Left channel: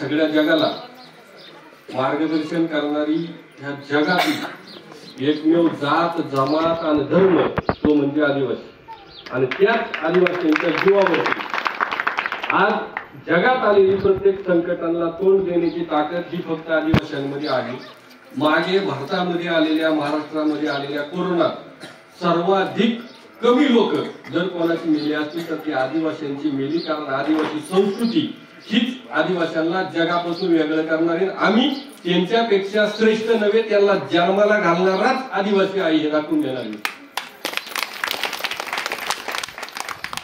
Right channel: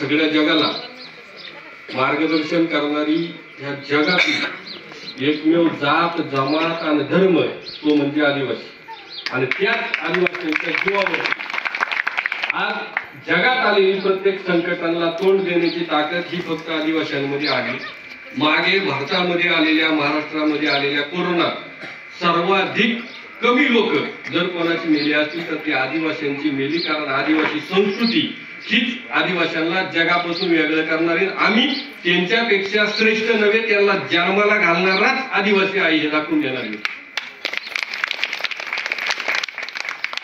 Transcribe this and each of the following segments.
सगळ्या जगाला मार्गदर्शन करणारी ह्या जगातील एकमेव जात जमात आणि धर्म तो म्हणजे आदिवासी. आणि त्याच आदिवासींच्या जीवावरती आज जगात आलेली प्रत्येक संकटांना तोंड देण्याची ताकद ही फक्त आदिवासींमध्ये आली. मागे भारतामध्ये आलेल्या, महाराष्ट्रामध्ये आलेल्या कोरोनात सर्वाधिक कमी लोक जर कोणाची मेली असतील तर ती आदिवासींची मेली. कारण आदिवासी संस्कृती हीच आदिवासींना जगापासून वेगळं करणारी, आम्ही त्यांच्यापेक्षा श्रेष्ठ नव्हे, त्यांना जन्माला घालणाराच आदिवासी आई हे दाखवून देणारी.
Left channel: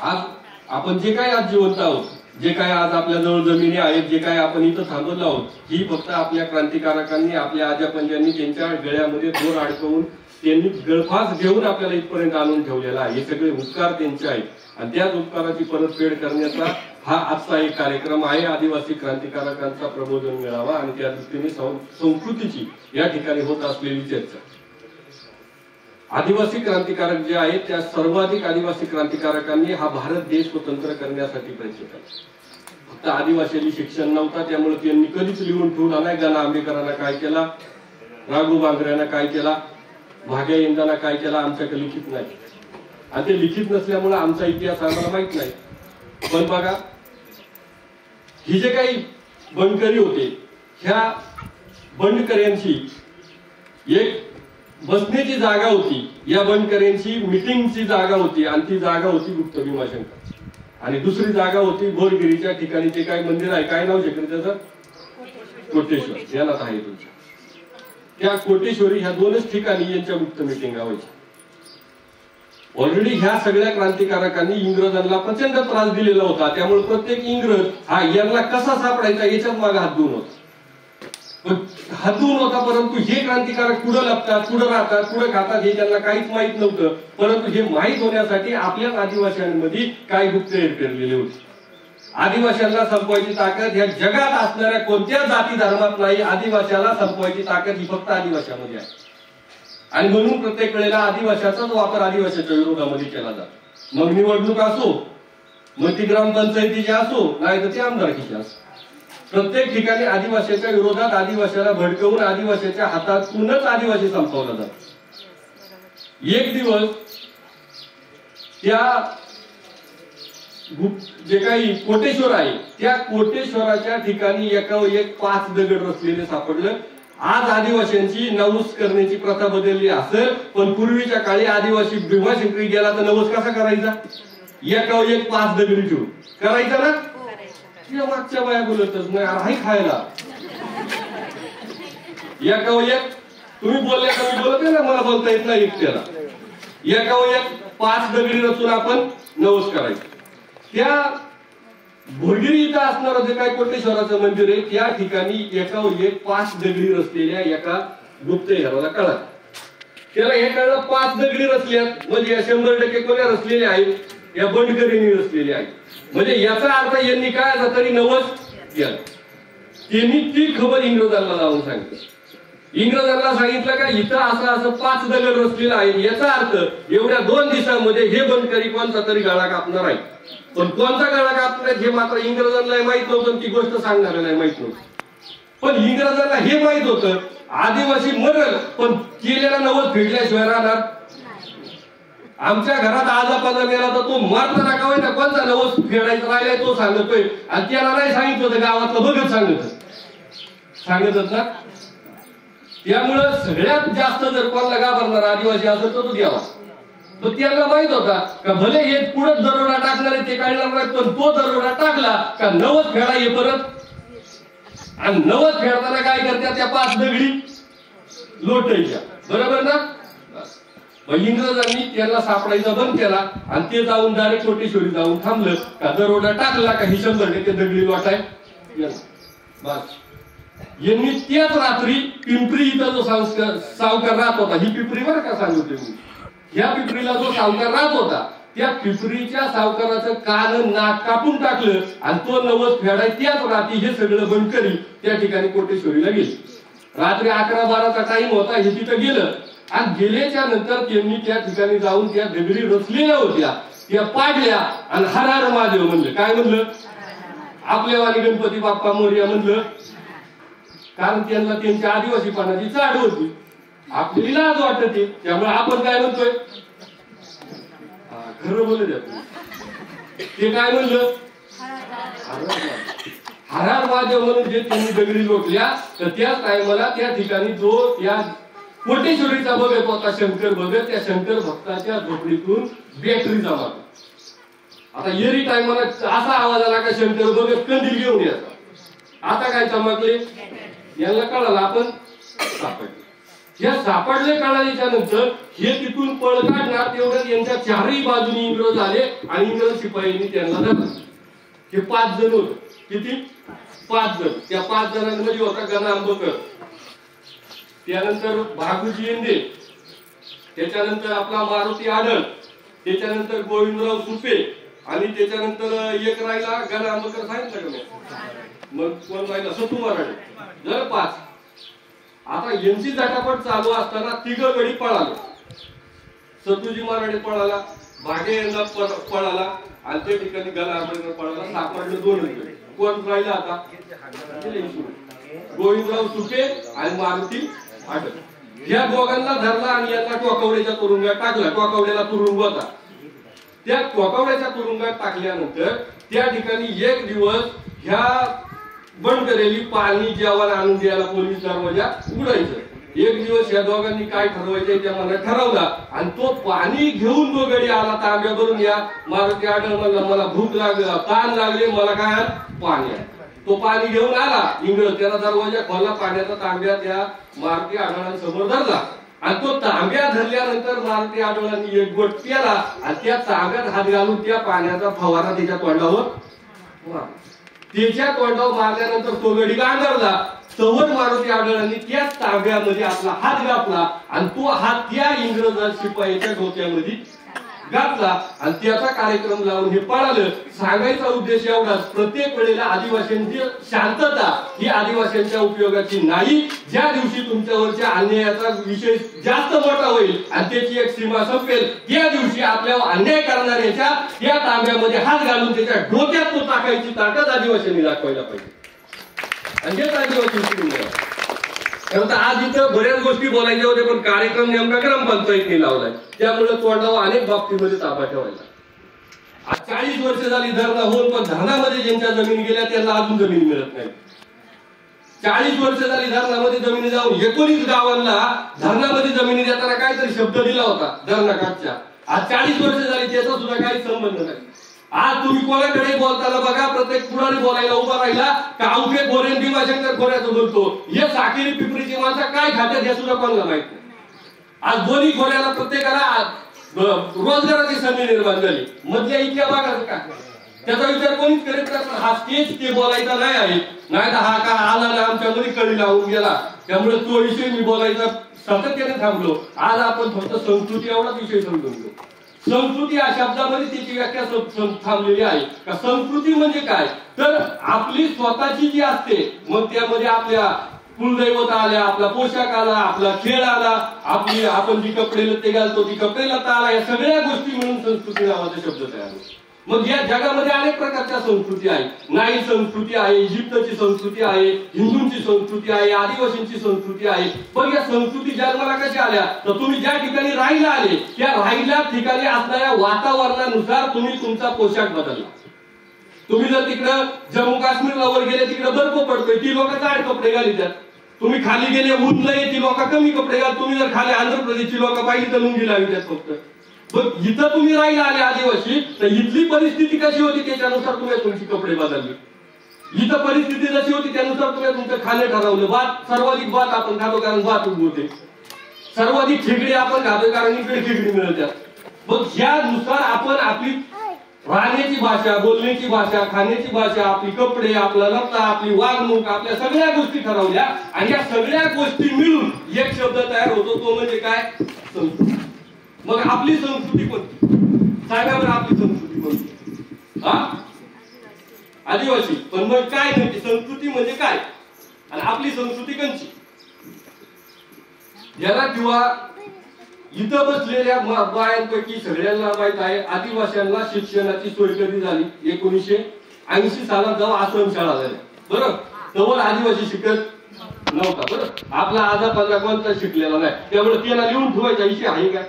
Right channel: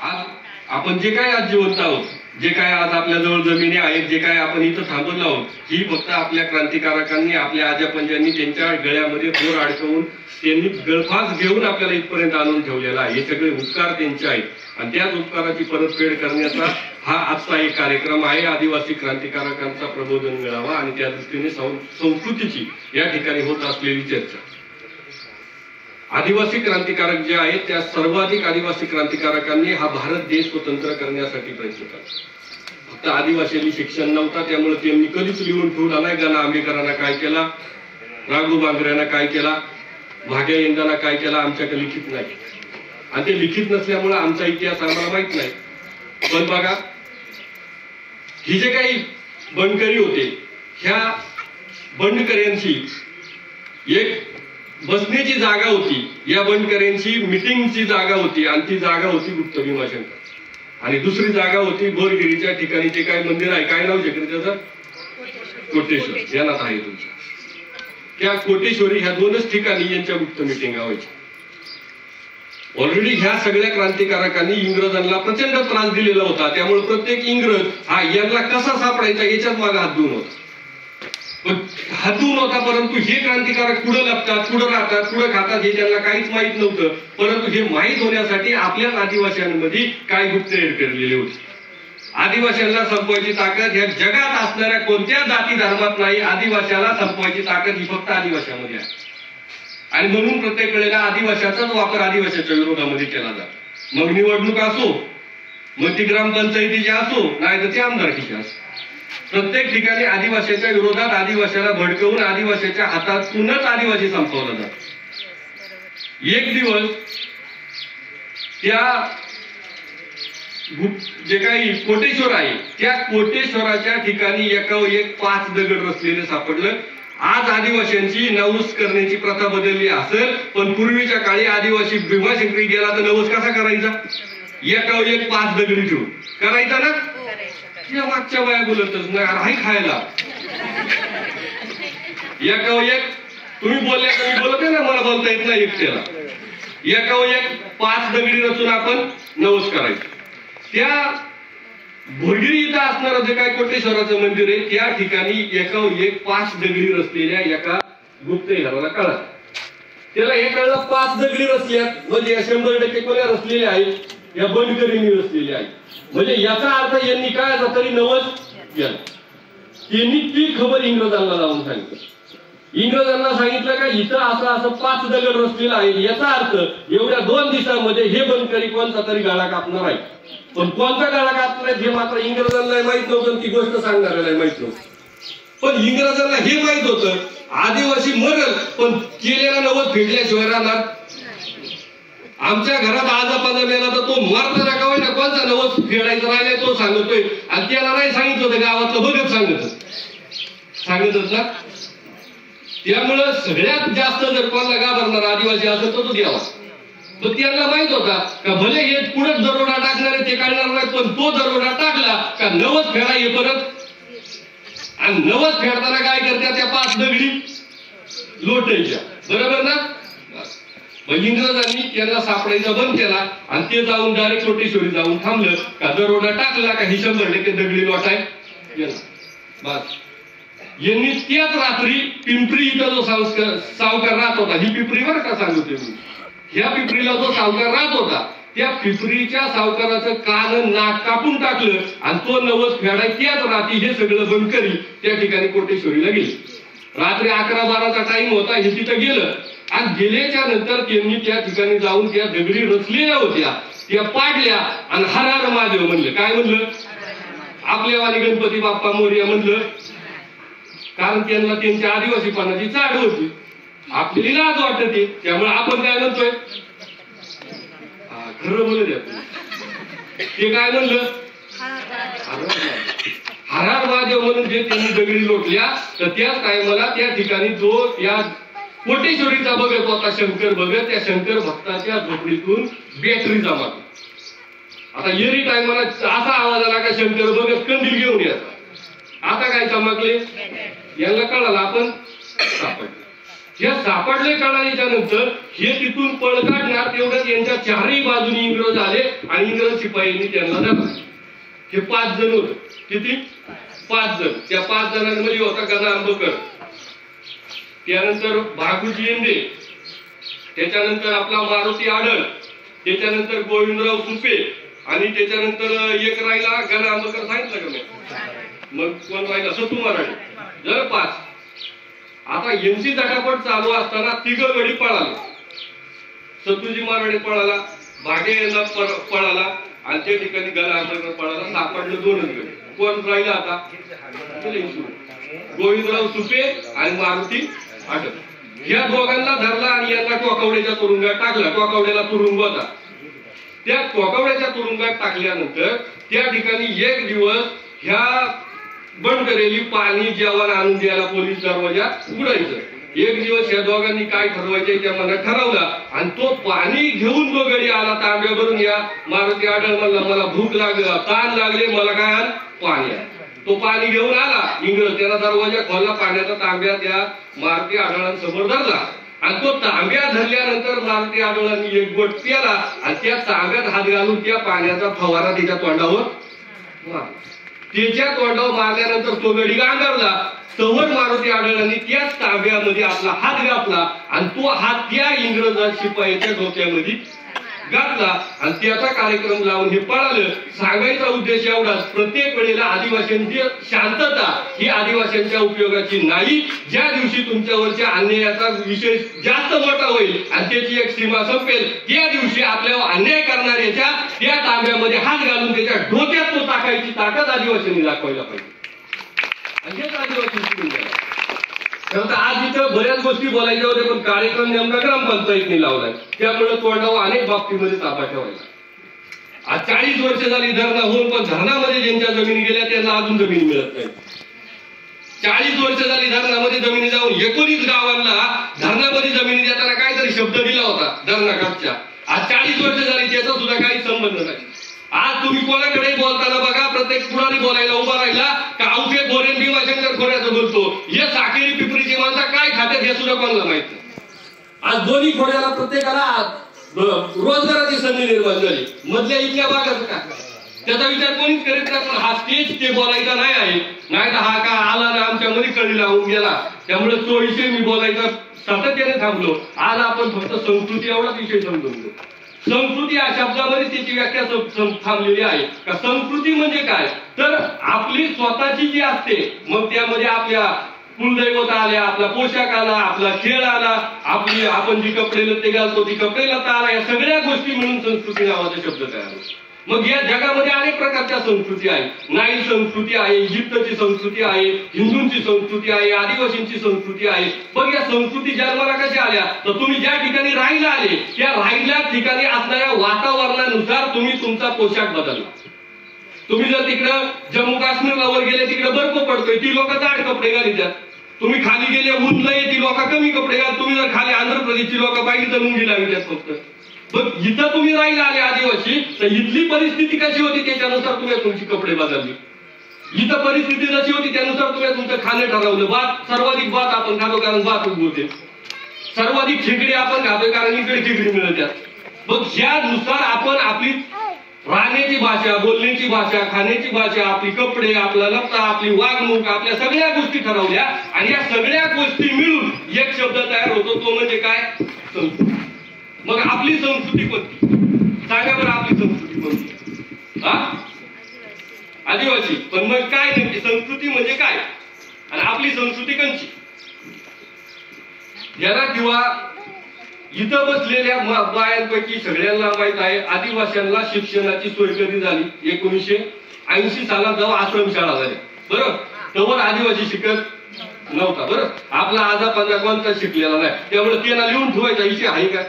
आज आपण जे काय आज जिवंत आहोत, जे काय आज आपल्या जवळ जमिनी आहेत, जे काय आपण इथं थांबवलो आहोत, ही फक्त आपल्या क्रांतिकारकांनी, आपल्या आजापंजांनी त्यांच्या गळ्यामध्ये दोर अडकवून त्यांनी गळफास घेऊन आपल्याला इथपर्यंत आणून ठेवलेला आहे. हे सगळे उपकार त्यांचे आहेत आणि त्याच उपकाराची परतफेड करण्याचा हा आजचा एक कार्यक्रम आहे. आदिवासी क्रांतिकारकांचा प्रबोधन मिळावा आणि त्या दृष्टीने संस्कृतीची या ठिकाणी होत असलेली चर्चा. आदिवासी क्रांतिकारक जे आहेत त्या सर्वाधिक आदिवासी क्रांतिकारकांनी हा भारत देश स्वतंत्र करण्यासाठी प्रयत्न केला. फक्त आदिवासींनी शिक्षण नव्हता त्यामुळे त्यांनी कधीच लिहून ठेवला नाही. गणा आंबेकरांना काय केला, राघू बांगऱ्यांना काय केला, भाग्या इंदांना काय केला, आमच्याकडे लिखित नाही. आणि ते लिखित नसल्यामुळे आमचा इतिहास आम्हाला माहित नाही. पण बघा, ही जे काही बंडकरी होते, ह्या बंडकऱ्यांची एक बसण्याची जागा होती, या बंडकऱ्यांची मिटिंगची जागा होती आणि ती जागा होती गुप्त भीमाशंकर. आणि दुसरी जागा होती बोरगिरीच्या ठिकाणी जे काय मंदिर आहे, काय नाव शकत त्याचं, कोटेश्वर, ध्यानात आहे तुमच्या. त्या कोटेश्वरी ह्या दोनच ठिकाणी यांच्या गुप्त मिटिंग व्हायच्या. ऑलरेडी ह्या सगळ्या क्रांतिकारकांनी इंग्रजांना प्रचंड त्रास दिलेला होता. त्यामुळे प्रत्येक इंग्रज हा यांना कसा सापडायचा याच्यात मागे हात धुवून होता. पण हात धुवून होता, परंतु हे क्रांतिकारक कुठं लपतात, कुठं राहतात, कुठं खातात हे त्यांना काहीच माहित नव्हतं. परंतु हे माहीत होण्यासाठी आपल्याच आदिवासींमध्ये काय गुप्तहेर पेरलेले होते. आदिवासींना संपवायची ताकद ह्या जगात असणाऱ्या कोणत्या जाती धर्मात नाही. आदिवासीला संपवायची ताकद ही फक्त आदिवासीमध्ये आहे. आणि म्हणून प्रत्येक वेळेला आदिवासीचाच वापर आदिवासीच्या विरोधामध्ये केला जातो. मग निवडणूक असो, मग ती ग्रामपंचायतीची असो, नाही तर ती आमदारकीची असो, प्रत्येक ठिकाणी आदिवासीच्या विरोधात आदिवासीला भडकवून आदिवासीच्या हातातूनच आदिवासी संपवला जातो. एक दिवस त्या जे काही कोटेश्वर आहे त्या कोटेश्वराच्या ठिकाणी एकावर एक 5 दगड रचलेले सापडलं. आज आदिवासींची नवस करण्याची प्रथा बदलली असेल, पण पूर्वीच्या काळी आदिवासी भीमाशंकरी गेला तर नवस कसा करायचा, एकावर एक 5 दगडी ठेवून करायचा ना. या मागच्या बाया बोलतच नाही, आहे खायला एकावर एक. तुम्ही बोलल्या का मी बोलते ना, मला बोलता येत नाही एकट्याला. एकावर एक 5 दगडी रचून आपण नवस करायचं. त्या भोरगिरी इथं असणारं जे काय कोटेश्वराचं मंदिर आहे त्या ठिकाणी एकावर एक 5 दगडी रचलेल्या एका गुप्तहेराला कळलं. त्याला हे कळलं 5 दगडी रचल्यात म्हणजे 100% कोण्या रचलेल्या आहेत, या बंडकरींनी रचलेल्या आहेत. म्हणजे याचा अर्थ यांनी काय तरी नवस केलं. त्यांनी ती खबर इंग्रजांना लावून सांगितलं. इंग्रजांना सांगितलं का इथं असं 5 दगड रचलेलं आहे, याचा अर्थ एवढ्या 2 दिवसांमध्ये हे बंडकरी कोणता तरी गळा कापणार आहे. पण कोणता गळा कापणार हे मात्र इंग्रजांना माहित नव्हतं, ती गोष्ट सांगणाऱ्याला माहित नव्हतं. पण इंग्रजांना हे माहित होतं आदिवासी मरल, पण केलेला नवस फेडल्याशिवाय राहणार. आमच्या घरात आज आपण मेला तर तो मारता नका ना, कोणता नवस फेडायचा राहिलाय तो सांगतोय. आणि त्याला नाही सांगितलं होतं गावातलं बघत सांगतच ना. त्यामुळं सगळ्यात जास्त जर कोणाला घाबरणार आदिवासी असेल तर तो द्यावा. तो त्याला माहित होता का भले हे पुढे दरोडा टाकणारे ते काढणार नाही, पण तो दरोडा टाकला का नवस फेडा हे परत. आणि नवस फेडताना काय करत्या, त्या 5 दगडी लोटायच्या, बरोबर ना. इंग्रजांनी त्याला सापडायचा बंद केला आणि ते जाऊन डायरेक्ट कोटेश्वरी जाऊन थांबलं का दरोडा टाकला का ही 100% दगडी लोटाय गेला. बस यांनी त्याच रात्री पिंपरी इथं जो सावकार राहत होता, ही पिंपरी बरं का सांगतोय मी, ह्या पिंपरीला जो सावकार राहत होता त्या पिंपरीच्या सावकाराचं कान नाक कापून टाकलं आणि तो नवस फेडाय त्याच रात्री हे सगळं बंडकरी त्या ठिकाणी कोटेश्वरीला गेले. रात्री 11-12चा टाइम होता. हे तिथं गेलं आणि गेल्याच्या नंतर त्यांनी त्या ठिकाणी जाऊन त्या दगडी रचलेल्या होत्या त्या पाडल्या आणि हर हर महादेव म्हणले. काय म्हणलं, आपल्यावाली गणपती बाप्पा मोरया म्हणलं, कारण त्यांना त्यांच्या आदिवासीपणाची चाड होती, आपल्याला लाज वाटते, त्यामुळे आपण काय म्हणतोय, खरं बोलू द्या, ते काय म्हणलं, हर हर महादेव म्हणून जे त्यांनी दगडी लोटल्या, तर त्याच टायमाला त्या ठिकाणी जो त्या कोटेश्वरीचा बघत होता शंकर भगत, त्या शंकर भक्ताच्या झोपडीतून बॅटरी जमा. आता येरी टायमाला असा आवाज आला का शंकर भगत कंदील घेऊन यायचा. आता काय चमकले, यांना कळालं आपण सापडले. या सापडले कळाल्याच्या नंतर हे तिथून पळ काढणार, तेवढं यांच्या चारही बाजूनी इंग्रज आले आणि इंग्रज शिपायांनी त्यांना धरलं. हे 5 जण होते. किती? 5 जण. त्या 5 जणांमध्ये होता गणा आंबकर, त्यानंतर भागुजी येंदे, त्याच्यानंतर आपला मारुती आडळ, त्याच्यानंतर गोविंदराव सुपे, आणि त्याच्यानंतर एक राहिला गणा आंबकर सांगितलं का मी, मग कोण राहिला, सतू मराठे. जर 5. आता यांची झटापट चालू असताना 3 गडी पळाले. सतूजी मराठे पळाला, भागे यांना पळाला, आणि त्या ठिकाणी गणा आंबकर पळाला. सापडलं 2च गडी. कोण राहिला आता, गोविंदराव सुपे आणि मारुती आडळ. ह्या दोघांना धरला आणि यांना टोकावड्याच्या तुरुंगात टाकला. टोकावड्याला तुरुंग होता. त्या टोकावड्याच्या तुरुंगात टाकल्यानंतर त्या ठिकाणी एक दिवस ह्या बंद करेली पाणी जेवण आणून द्यायला पोलीस दरवाजा उघडायचं. एक दिवस या दोघांनी काय ठरवायचं त्या मनात ठरवला, आणि तो पाणी घेऊन जो गडी आला तांब्यावरून, या मारुती आडळ म्हणला मला भूक लागली, ताण लागले, मला काय आण, पाणी आण. तो पाणी घेऊन आला इंग्रज, त्याला दरवाजा खोलला, पाण्याचा तांब्या त्या मारुती आडळांसमोर धरला, आणि तो तांब्या धरल्यानंतर मारुती आडळांनी एक गोट प्याला, आणि त्या तांब्यात हात घालून त्या पाण्याचा फवारा त्याच्या तोंडावर मारला. त्याच्या तोंडावर मारल्यानंतर तो गडी गांगरला. तवर मारुती आडळांनी त्याच तांब्यामध्ये आपला हात घातला, आणि तो हात त्या इंग्रज शिपायाच्या डोक्यामध्ये घातला, आणि त्याचा कार्यक्रम लावून हे पळालं. सांगायचा उद्देश एवढाच, प्रत्येक वेळेला आदिवासींची शांतता ही आदिवासींच्या उपयोगाची नाही. ज्या दिवशी तुमच्यावरच्या अन्यायाचा विषय जास्त मोठा होईल आणि त्याची एक सीमा संपेल, त्या दिवशी आपल्यावर अन्याय करणाऱ्याच्या त्या तांब्यामध्ये हात घालून त्याच्या डोक्यात तो टाकायची ताकद आदिवासींनी दाखवायला पाहिजे. आणि हेच आदिवासी आज इथं बऱ्याच गोष्टी बोलायच्या होत्या, पण कार्यक्रम नेमका ग्रामपंचायतनी लावलाय, त्यामुळे तोंडावर अनेक बाबतीमध्ये ताबा ठेवायला. आज 40 वर्ष झाली धरणा होऊन, पण धरणामध्ये ज्यांच्या जमिनी गेल्या त्यांना अजून जमीन मिळत नाही. 40 वर्ष झाली धरणामध्ये जमिनी जाऊन 19 गावांना धरणामध्ये जमिनी देताना काहीतरी शब्द दिला होता धरणाकाठच्या. आज 40 वर्ष झाली त्याचा सुद्धा काही संबंध नाही. आज तुम्ही कोणाकडे बोलताना बघा, प्रत्येक पुढारी बोलायला उभा राहिला का अवघे खोरे भीमाशंकर खोऱ्याचं बोलतो. हे साखरी पिपरीची माणसं काय खात्यात हे सुद्धा कोणाला माहित नाही. आज दोन्ही खोऱ्याला प्रत्येकाला रोजगाराची संधी निर्माण झाली. मधल्या इथल्या भागाचं का त्याचा विचार कोणीच करीत नाही. पण हा स्टेज ते बोलायचा नाही आहे, नाही तर हा का आला ना आमच्या मध्ये कळी लावून गेला, त्यामुळे तो विषय मी बोलायचा सातत्याने थांबलो. आज आपण फक्त संस्कृती एवढाच विषय समजून घेऊ. संस्कृती या शब्दामध्ये त्याची व्याख्या थांबलेली आहे का. संस्कृती म्हणजे काय, तर आपली स्वतःची जी असते, मग त्यामध्ये आपल्या कुलदैवत आल्या, आपला पोशाख आला, आपला खेळ आला, आपली आपण जी कपडे लत्ते घालतो ती कपडे लत्ता आला, या सगळ्या गोष्टी मिळून संस्कृती नावाचा शब्द तयार होतो. मग या जगामध्ये अनेक प्रकारच्या संस्कृती आहेत. नाईल संस्कृती आहे, इजिप्तची संस्कृती आहे, हिंदूंची संस्कृती आहे, आदिवासींची संस्कृती आहे. पण या संस्कृती जन्माला कशा आल्या, तर तुम्ही ज्या ठिकाणी राहायला आले त्या राहिल्या ठिकाणी असणाऱ्या वातावरणानुसार तुम्ही तुमचा पोशाख बदलला. तुम्ही जर तिकडं जम्मू काश्मीरला वर गेले, तिकडे बर्फ पडतोय, ती लोक जाड कपडे घालतात. तुम्ही खाली गेले ऊन लय, ती लोक कमी कपडे घाल. तुम्ही जर खाली आंध्र प्रदेशची लोक पाहिजे तर लुंगी लावितात फक्त. पण इथं तुम्ही राहिला आले आदिवासी, तर इथली परिस्थिती कशी होती त्याच्यानुसार तुम्ही तुमची कपडे बदलली. इथं परिस्थिती जशी होती त्यानुसार तुम्ही तुमचं खाणे ठरवलं. सर्वाधिक भात आपण खातो कारण भात उगवते. सर्वाधिक खेकडी आपण खातोय कारण इकडे खेकडी मिळतात. मग ह्यानुसार आपण आपली राहण्याची भाषा, बोलण्याची भाषा, खाण्याची भाषा, आपली कपडे, आपला लत्ता, आपली वागणूक, आपल्या सगळ्या गोष्टी ठरवल्या. आणि या सगळ्या गोष्टी मिळून एक शब्द तयार होतो, तो म्हणजे काय, संस्कृती. मग आपली संस्कृती कोणती, सांगा बरं, आपली संस्कृती कोणती, आदिवासी. पण मग काय नक्की संस्कृती म्हणजे काय आणि आपली संस्कृती कोणची, याला किंवा इथं बसलेल्या बायांपैकी सगळ्यांना माहित आहे आदिवासींना शिक्षणाची सोय कधी झाली, 1950 80 सालात जेव्हा आश्रमशाळा झाली, बरोबर, तेव्हा आदिवासी शिकत नव्हता. बरोबर, आपला आजा पंधरा कोणता शिकलेला नाही, त्यामुळे त्यांना लिहून ठेवायचा इशे आहे का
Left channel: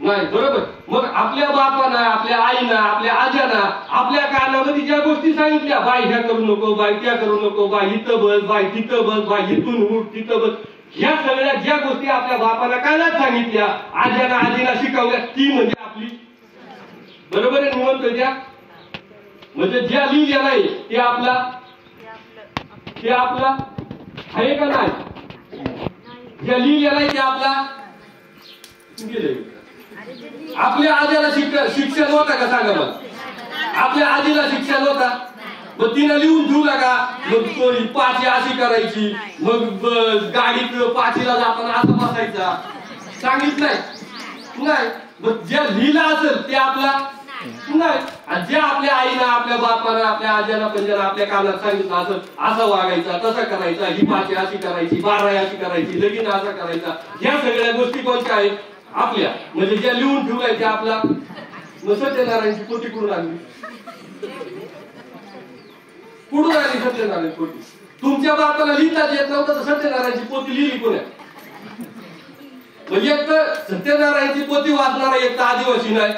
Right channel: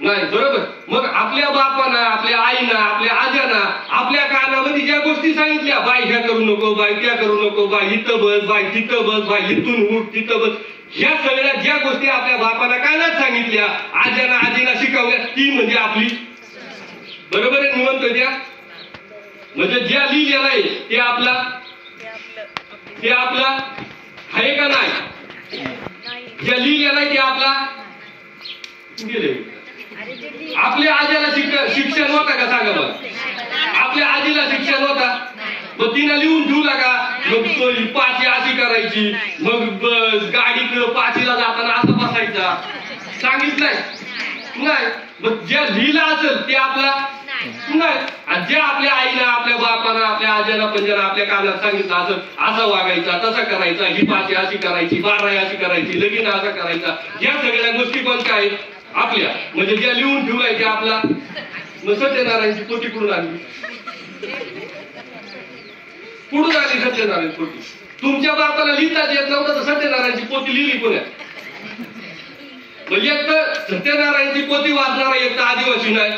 नाही. बरोबर, मग आपल्या बापाना, आपल्या आईना, आपल्या आज्याना आपल्या कानामध्ये ज्या गोष्टी सांगितल्या, बाय ह्या करू नको, बाय त्या करू नको, बाय इथं बस, बाय तिथं बस, बाय इथून उठ तिथं बस, ह्या सगळ्या ज्या गोष्टी आपल्या बापाला कानात सांगितल्या, आज्याना आजीना शिकवल्या, ती म्हणजे आपली. बरोबर आहे, निवंत त्या म्हणजे ज्या लिहिलेलं आहे ते आपला आहे का नाही? ज्या लिहिलेलं आहे ते आपला गेले. आपल्या आजीला शिक्षण होता का सांगा मला? आपल्या आजीला शिक्षण होता? मग तिनं लिहून ठेवला का? मग पाची अशी करायची, मग गाडीत पाचीला जाताना असं बसायचा, सांगितलंय नाही. मग ज्या लिहिला असेल ते आपला नाही. आणि जे आपल्या आईला, आपल्या बापाला, आपल्या आज्याला पंजाला आपल्या कानात सांगितलं असेल, असा वागायचा, तसा करायचा, ही पाची अशी करायची, 12 अशी करायची, लगीन असा करायचा, ह्या सगळ्या गोष्टी कोणत्या आहेत? आपल्या. म्हणजे ज्या लिहून ठेवलाय ते आपला. मग सत्यनारायणची पोथी कुठून आली? कुठून आली सत्यनारायण पोथी? तुमच्या बापाला लिहिताच येत नव्हतं तर सत्यनारायणची पोथी लिहिली कोण्या? म्हणजे एक तर सत्यनारायणची पोथी वाचणारा एक तर आदिवासी नाही,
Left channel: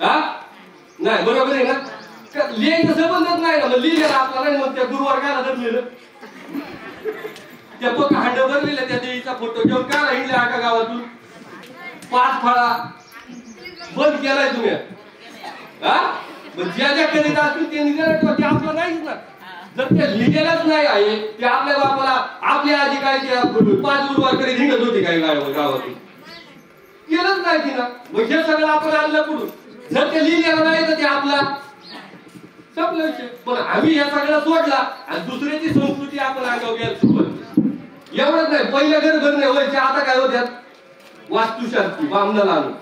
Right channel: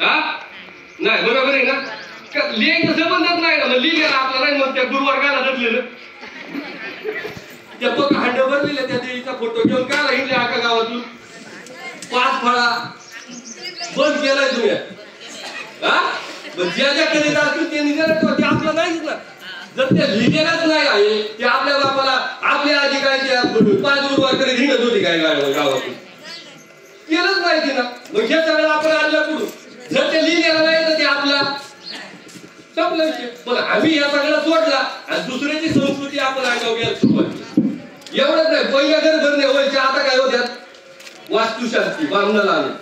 हा नाही. बरोबर आहे ना? लिहायचं संबंधच नाही ना. मग लिहिलेलं आपला नाही, मग त्या गुरुवर्गाला धरलेलं, त्या पक्का हांड भरलेल्या त्या देवीचा फोटो घेऊन का राहिले आका गावातून 5 फळा बंद केलाय तुम्ही, हा? ज्या ज्या करीत असतील ते निघालं, ते आपलं नाहीच ना. जर ते लिहिलेलंच नाही आहे, ते आपल्या बापाला, आपल्या आधी काय 5 गुरुवार करीत हिंडत होती काय गावातून? केलंच नाही तिनं. मग हे सगळं आपण आणलं कुठून? जर ते लिहिलेलं नाही तर ते आपला संपलं विषय. पण आम्ही या सगळ्या सोडला आणि दुसऱ्याची संस्कृती आपण अंगावर घ्यायला सुरुवात. एवढंच नाही, पहिल्या घर धरणे व्हायचे, आता काय होत्यात? वास्तुशास्त्री, बांधणाला आले.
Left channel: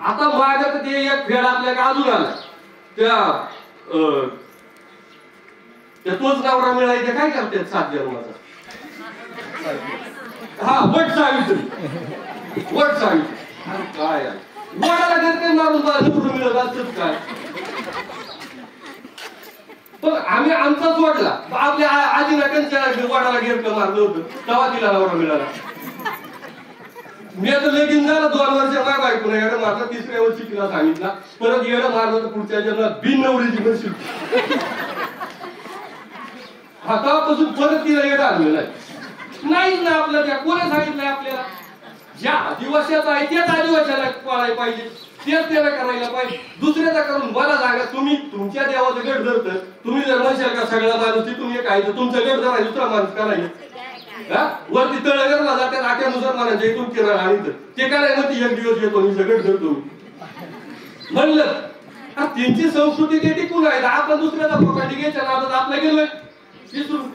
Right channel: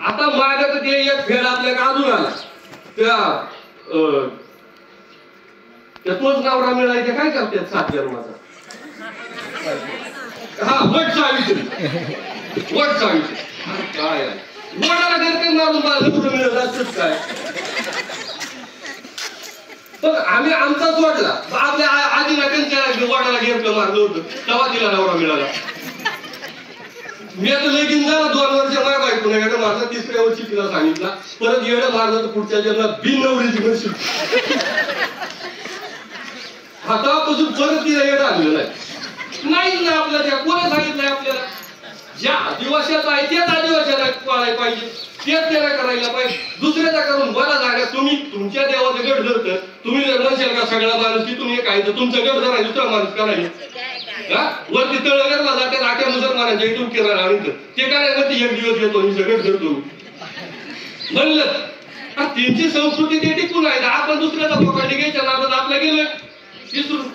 आता मागत ते एक फेड आपल्या अजून आला, त्या तोच नवरा मिळायचा काय करतात 7 जन्माचा, हा वट सावित्री. वट सावित्री काय वडाला घर मारून नवरा मिळत असत काय? पण आम्ही आमचा सोडला. आपल्या आजीला त्यांच्या वडाला घेरकं मारलं होतं, तेव्हा तिला नवरा मिळाला. मी आता लगीन झाला 2 वर्ष मार बायको नाही येडं मारला, 3ऱ्या वर्षी तिला सांगितला परत येडं मारलं तर पुढच्या जन्मात बिन नवरीची म्हणशील. हातापासून परत तिला येडं आलेलं नाही ना. आपल्या त्या कोणी सांगितलंय आपल्याला? ज्या आदिवासीचा आहे त्याच आदिवासीला पाळायला पाहिजे, तेच त्याला करायला पाहिजे. दुसऱ्याचा करून मला सांगा, तुम्ही तुमच्या देवाचं गट धरत, तुम्ही जर म्हणशाल का सगळा माणूस तिथून एक आहे तर तुमचं गट धराय दुसरा माणूस करायचं, वरती तळगरला जाते आख्या मुसलमानांच्या इथून किराणा आणत, ते काय म्हणते 1 दिवस येतो मी सगळं धरतो म्हणलं. त्यांची संस्कृती ते टिकून आहे. आपण दुसऱ्याचा पोकाटी घ्यायच्या नादात आपला गेलोय विसरून.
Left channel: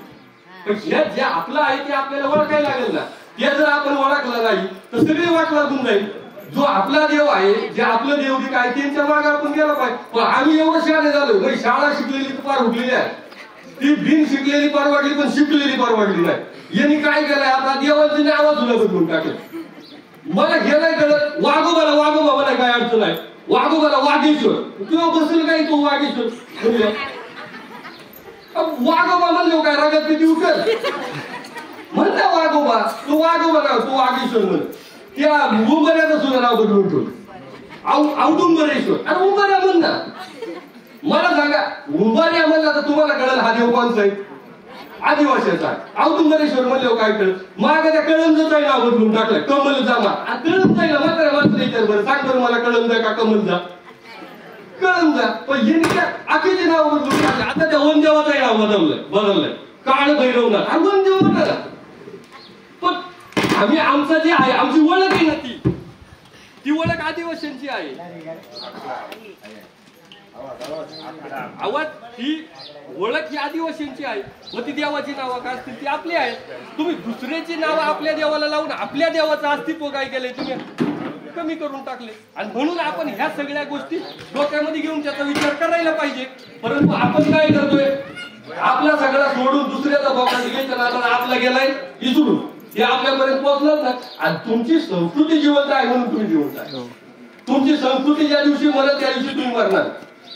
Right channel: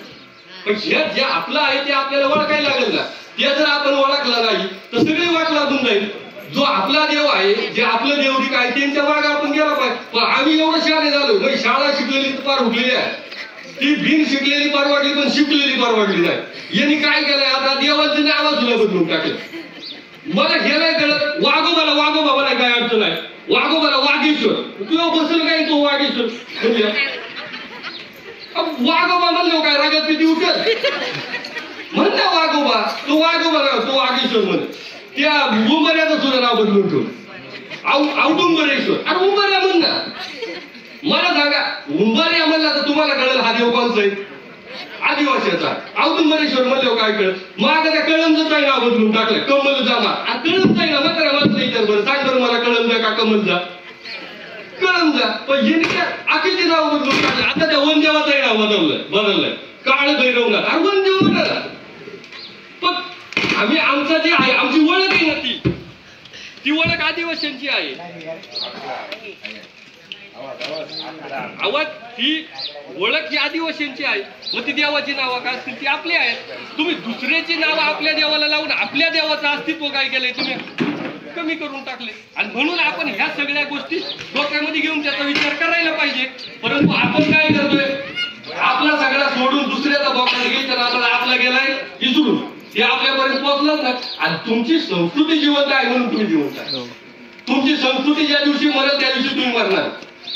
पण जे आपलं आहे ते आपल्याला ओळखायला लागेल ना. ते जर आपण ओळखलं नाही तर सगळी वाट लागून जाईल. जो आपला देव आहे, जे आपलं देवदिक आहे, त्यांच्या मागे आपण गेला पाहिजे. पण आम्ही एवढं शहाणे झालो, म्हणजे शाळा शिकलेली पार उठलेली आहे, ती बिन शिकलेली परवडली पण शिकलेली परवडली नाही. यांनी काय केलंय आता? देवाचं नाव सुद्धा बदलून टाकलं. मला गेलाय कळत वाघोबाला वाघोबा मला काय अडचण आहे, वाघोबाला वाघेश्वर. तुला बसेल काय तो वाघेश्वर म्हणजे वाघोबा म्हणलो काय रागात किती उठत म्हणता वाघोबा, तो वाघोबा तो वाघेश्वर म्हण. त्या उंबऱ्याचं सुद्धा नाव बदलून ठेवलं, औदुंबरेश्वर. अरे उंबऱ्या म्हण ना. मला सांगा, उंबऱ्या म्हणला तर तुम्हाला कळेल हा देव कोणचा आहे? आदिवासीचा. औदुंबरेश्वर म्हणल्यावर काय कळत? माग त्या कळमजाचं नाव बदलून टाकलं, कमल जामा. कळमजा ना मात्र माझं विचार बरं सांग बरं मला, कळमजा का कमलजा? कळमजा. पण यांनी त्या आखीचे नाव बदलून टाकलं. आता त्या वनदेवाचं नाव बदललंय काळ भैरवनाथ. अरे वनदेव म्हणाला. पण आम्ही आमचं जे आहे, आमची ओळख आहे ना, ती ओळख आदिवासींची आहे. आवाज ती ओळख ही आदिवासींची आहे. मग ती देवाची नावं काय असतील ती आपली आहेत. तुम्ही दुसऱ्याची नावं आपल्या देवाला लावून आपल्या देवाचं अस्तित्व काय केलंय तुम्ही कमी करून टाकले. आणि म्हणून आपण ह्या सगळ्या गोष्टी डोक्यामध्ये घेऊन त्याचा विचार करायला पाहिजे. परंतु आपण काय करतोय? आपला सगळा सोडून दुसऱ्याचा बोकांड घ्यायचा नादाला आपला गेलाय विसरून. ते आपल्यापर्यंत पोहोचलंच ना. आणि तुमची संस्कृती जिवंत आहे म्हणून तुम्ही जिवंत आहे. तुमची संस्कृती ज्या दिवशी मरत त्या दिवशी तुम्ही मरणार.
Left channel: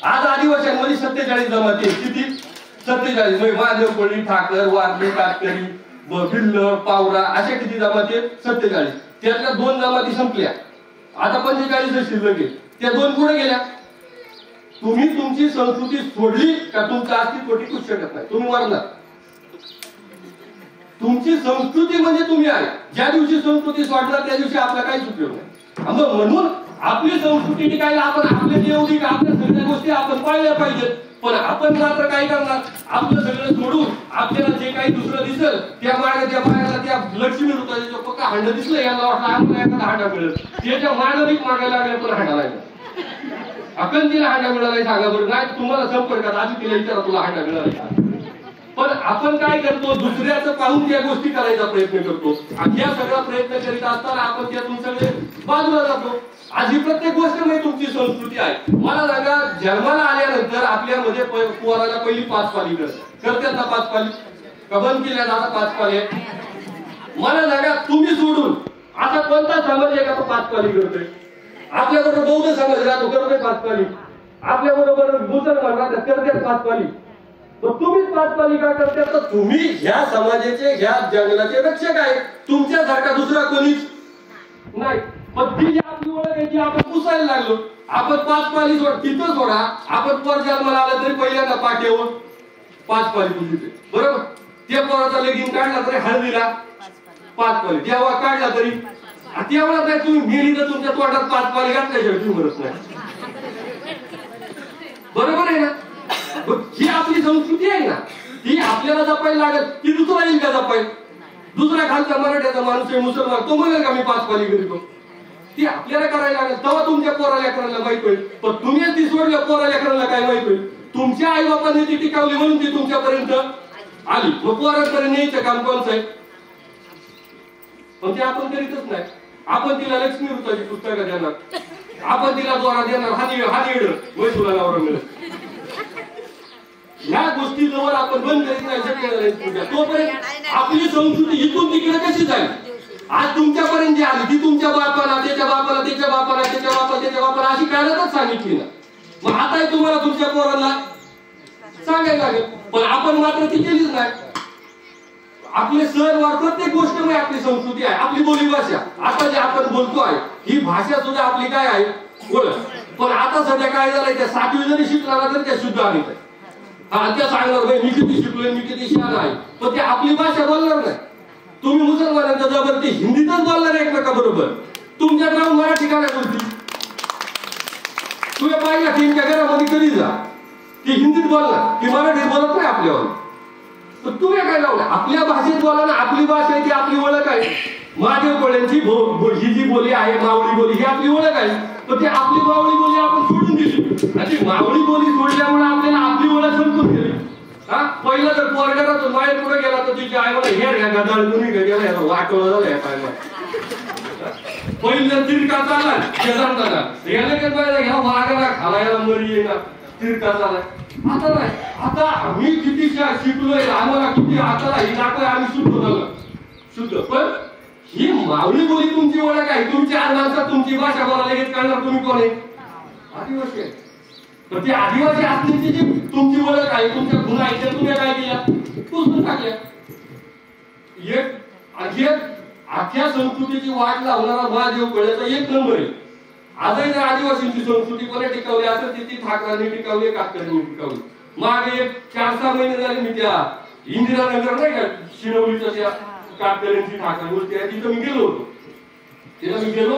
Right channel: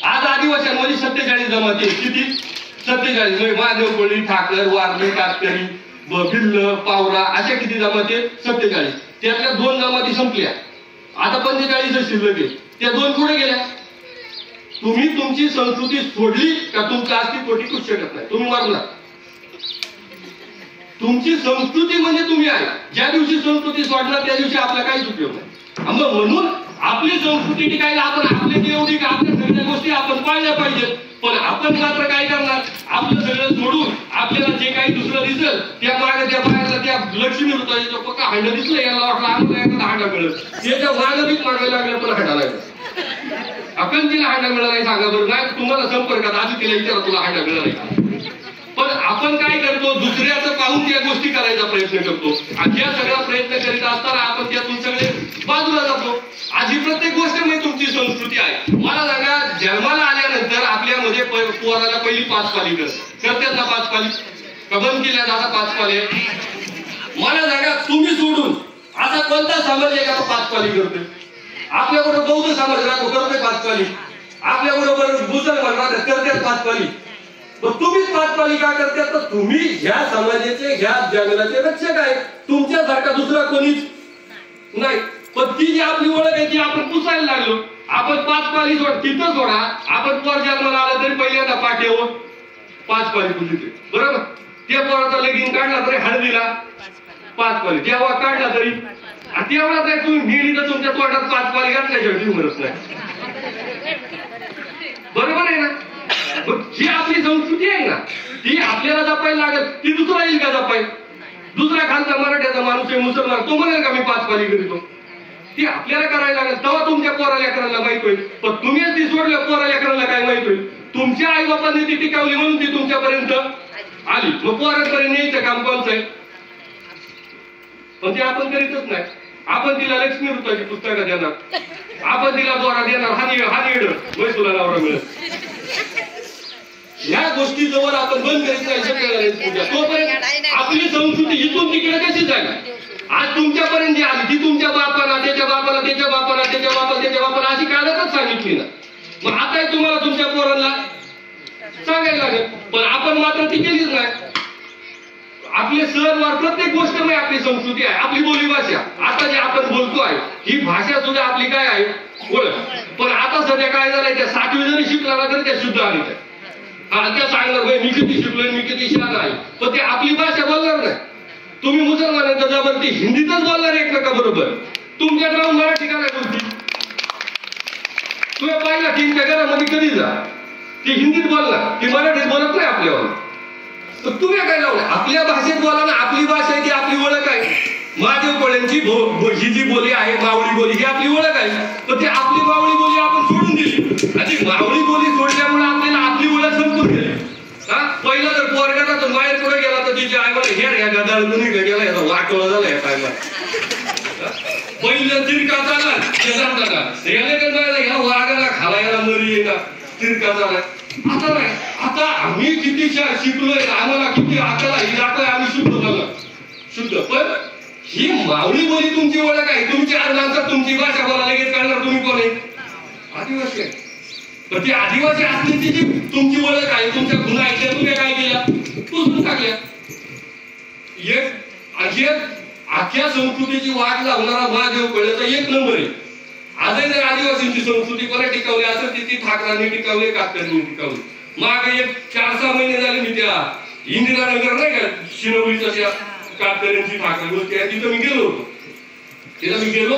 आज आदिवासींमध्ये 47 जमाती आहेत. किती? 47. म्हणजे महादेव कोळी, ठाकर, वारली, कातकरी, भिल्ल, पावरा अशा किती जमाती आहेत? 47. त्यातल्या 2 जमाती संपल्या. आता 45 शिल्लक आहे. त्या 2 पुढे गेल्या. तुम्ही तुमची संस्कृती सोडली का तुमचं अस्तित्व टिकूच शकत नाही. तुम्ही मरणार. तुमची संस्कृती म्हणजे तुम्ही आहे. ज्या दिवशी संस्कृती सोडणार त्या दिवशी आपला काहीच उपयोग नाही. म्हणून आपली संस्कृती टिकायला आपण आपल्या एवढी का आपल्या सगळ्या गोष्टी आपण पाळल्या पाहिजेत. पण आपण मात्र काय करणार? आपलं सगळं सोडून आपल्याला जे काही दुसरं दिसेल त्या मागे त्या बाहेरला त्या लक्ष्मी ऋतूचा पक्का हांड दिसलं, याला वाटलं आम्हाला एखादा हांडा मिळेल, त्याच्या मागणीच मागायला लागल्या पण हांडा नाही. आपण तिला हांडा मिळाला नाही सांगा बरं. नाही तुम्हाला संपर्कात आधी तिला विचारा तुला हांडा मिळाला का. पण आपण काय करतो? दुसऱ्याचं पाहून त्या गोष्टी करायचा प्रयत्न करतो. आणि या सगळा प्रयत्न करीत असताना आपण त्यातून सगळे बाजूला जातो. आज ही प्रत्येक गोष्ट म्हणजे तुमची संस्कृती आहे. मला सांगा, जन्माला आल्यानंतर आपल्यामध्ये पोराला पहिली 5 पाली करतात ना? 5 पाली का बंद केल्या दादा? 5 पाली. मला सांगा, तुम्ही सोडून असा कोणता समाज आहे का 5 पाली करतोय? आपल्याबरोबर बौद्ध समाज राहतो, करतोय 5 पाली. आपल्याबरोबर मुसलमान राहतात, करतात 5 पाली. तुम्हीच 5 पाली का करतात? तर तुम्ही ह्या समाजाचे, ह्या जंगलाचे रक्षक आहे. तुमच्यासारखा दुसरा कोणीच नाही. पण ती जी आपली ओळख आहे ती आपण पुसायला लागलो. आपण 5 पाली तिथं सोडा. आपण पोर जन्माला आला तरी पहिल्यांदा पाठीवर 5 पाली पुजते, बरोबर? त्या पोराचा लगीन काढला तरी हळदीला 5 पाली. जेव्हा काढला तरी तेव्हा काय तुम्ही मेली तर तुमच्या तोंडात 5 पाली घातल्याशिवाय ठेवूनच नाही, बरोबर आहे ना? जी आपली संस्कृती आहे ना ती आपल्याला जपायला लागेल. ती दुसरा येईल का जपायला? दुसरा खालचा मराठ्याचा माणूस आहे, मुसलमान, तो म्हणेल का मी 5 पाली करीतो? ती आपल्याला करायला लागेल. तेव्हा तुमच्या पोरा लेकरांना माहित होईल. पण तुम्हीच ती सोडलं, पोरा लेकरांना काय माहित होईल? तुमच्या आई बापांनी ती टिकावली म्हणून ती तुमच्यापर्यंत आली. मग पोरांपर्यंत यायचं काम कोणचं आहे? पण ते आपण करीतच नाही. आपण तिला लक्ष्मी ऋतूची पुस्तकं देणार, आपण तिला दोरा देणार, हा येड मैसूला नवरा मिळत. ह्या गोष्टी जवळ आपण बंद करीत नाही सगळ्या तोपर्यंत आपली संस्कृती इथून तिकडे कशी जाईल? आज तुमच्यापर्यंत जी आली ती तुमच्या बापाला, त्याच्या बापाला, त्याच्या बापाला, त्याच्या बापाला, त्याच्या बापाला अशी कायदाच सांगितली ना. मग आता तुम्हाला तुमच्या पोरांना सांगायला लागेल. पण आपण मात्र ती केलीच नाही. आपले सण वार प्रत्येक गोष्ट नाही आपली संस्कृती आहे, आपली बोलीभाषा. आता जे आपण बोलतो आहे ही भाषा सुद्धा आपली काय आहे? ओळख. पण आता सध्या काय झालंय? त्या 7वी जरी शिकला ना तरी त्या शुद्ध आली आहे. त्या सांगणार भाई मी किती शिकलोय, मी किती शहाण आहे. पण ते आपली भाषा बोलणार नाही. तुम्ही मुसलमानांच्या जवळ ती हिंदीतच बोलणार एकमेका बरोबर. तुमच्यात राहून मराठी काय बोलती? तुम्ही पाहिला की घरामध्ये कधी जा ती हिंदीत बोलणार, ती मराठीत बोलत नाही आपल्यावर. तुम्ही काय लावलं? आपल्या भाषेत बोला ना. आपली भाषा आहे ती आपली ओळख आहे. महादेव कोळ्यांची ही जी बोली आहे मावळी बोली ही आपली ओळख आहे. तर ती आपली मावळी बोली आपण सोडून दिली आणि मावळी बोली सोडल्यामुळे आपल्याला आपली ओळख संपून गेली. हा पहिला जर पोरगाचा बाहेर पुढे गेला तर तिची आई मला हेर ह्या गदाळ तुम्ही गेला याचा वाटवलं झालं या टायमात. पहिल्या तिरका चालला ह्या वाघाला खालायला मरी आहे का तिरका चालला. आता नाही. आता आम्ही किती शिकलोय, आम्हाला किती अकल आहे, आता आम्ही शुद्ध झालं शुद्ध. पण ही मावळी बोली तुमची ओळख आहे. तुमची आज माणसात तुमची भाषा बोला लगेच कळणार तुम्ही कोण आहे? आदिवासी आहे. तर ती आदिवासी असण्याची जी तुमची ओळख आहे, तुमच्या गुन्हा आहे त्या तुम्ही काय केल्या? पुसून टाकल्या. एक अख्या संस्कृतीची वाट लावणारा महादेव कोळ्याचा 1 नंबर आहे. आजही जर आदिवासींची संस्कृती कोणी टिकवली असेल ती ठाकरांनी टिकवली, कातकऱ्यांनी टिकवली. मागे 4-6 महिने झाले मी त्या इंदिरानगर नाही का शिनवलीच्या त्या कातकऱ्यांची ठाकरे गोष्टी आहे तिथं मी गेलो होतो. तिथं मी गेलो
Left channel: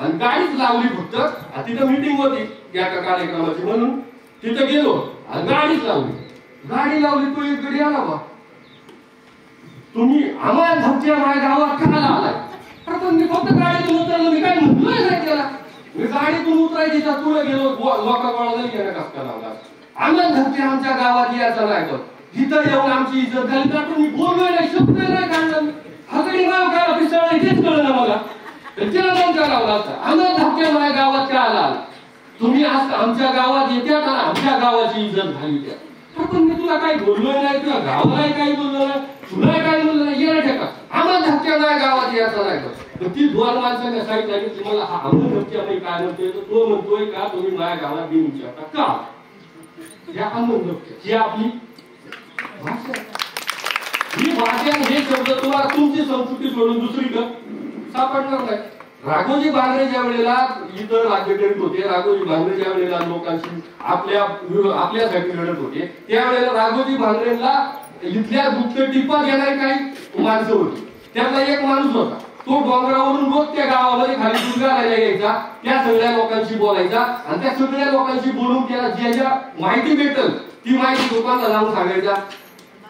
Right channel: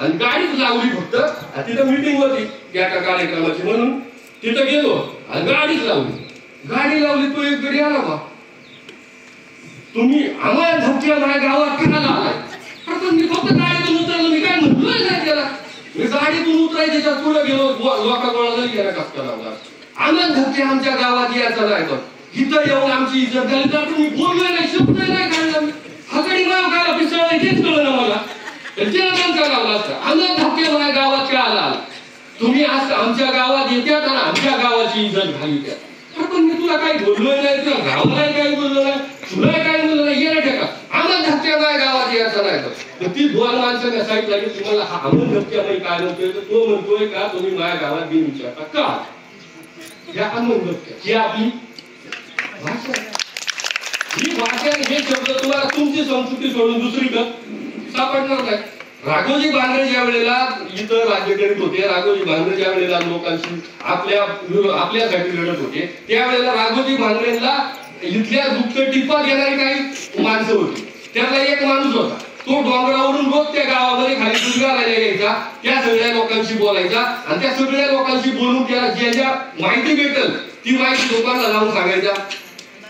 आणि गाडीच लावली फक्त. तिथं मीटिंग होती त्या कार्यक्रमाची म्हणून तिथं गेलो आणि गाडीच लावली. गाडी लावली तो एक गडी आला बा. तुम्ही आम्हाला धमक्या माझ्या गावात खायला आलाय. पण मी फक्त गाडीतून उतरलो. मी काय म्हटलोय नाही त्याला. मी गाडीतून उतरायच्या पुढे गेलो. लोकांना गेला कष्ट लावला. आम्हाला धमक्या आमच्या गावात यायचं नाही. बघ इथं येऊन आमची इज्जत झाली तर मी बोललोय नाही, शब्द नाही काढला. हा गडी माव गाला पिसळ हेच कळलं ना मला. त्याला धमक्या लावला असता. आम्हाला धमक्या माझ्या गावात का आला? तुम्ही आज आमच्या गावात येत्यात आणि आमच्या गावाची इज्जत घाली त्या. पण मी तुला काही बोललोय नाही, तुला गावाला काही बोललो नाही, तुला काही बोललो नाही. येणार का? आम्हाला धमक्या माझ्या गावात यायचा नाही तर ती दोन माणसाने सांगितलं की तुम्हाला हा अमोल धपक्यामध्ये काय म्हणतोय तर तो म्हणतोय का तुम्ही माझ्या गावात बिन विचारता का या अमोल धपक्या ही आपली भाषा ही भाषा हे शब्द तुम्हाला तुमची संस्कृती सोडून दुसरीकडे सापडणार नाही. राघोजी भांगरे ज्या वेळेला इथं राज्य करीत होते, राघोजी भांगरे ज्या वेळेला लोकांशी आपल्यासाठी लढत होते, त्यावेळेला राघोजी भांगरेंना इथल्या गुप्त टिप्पा घेणारी काही माणसं होती. त्यातला एक माणूस होता, तो डोंगरावरून रोज त्या गावामध्ये खाली दुर्गाला यायचा, त्या सगळ्या लोकांशी बोलायचा आणि त्या सगळ्या लोकांशी बोलून त्याला ज्या माहिती भेटल ती माहिती लोकांना जाऊन सांगायचा,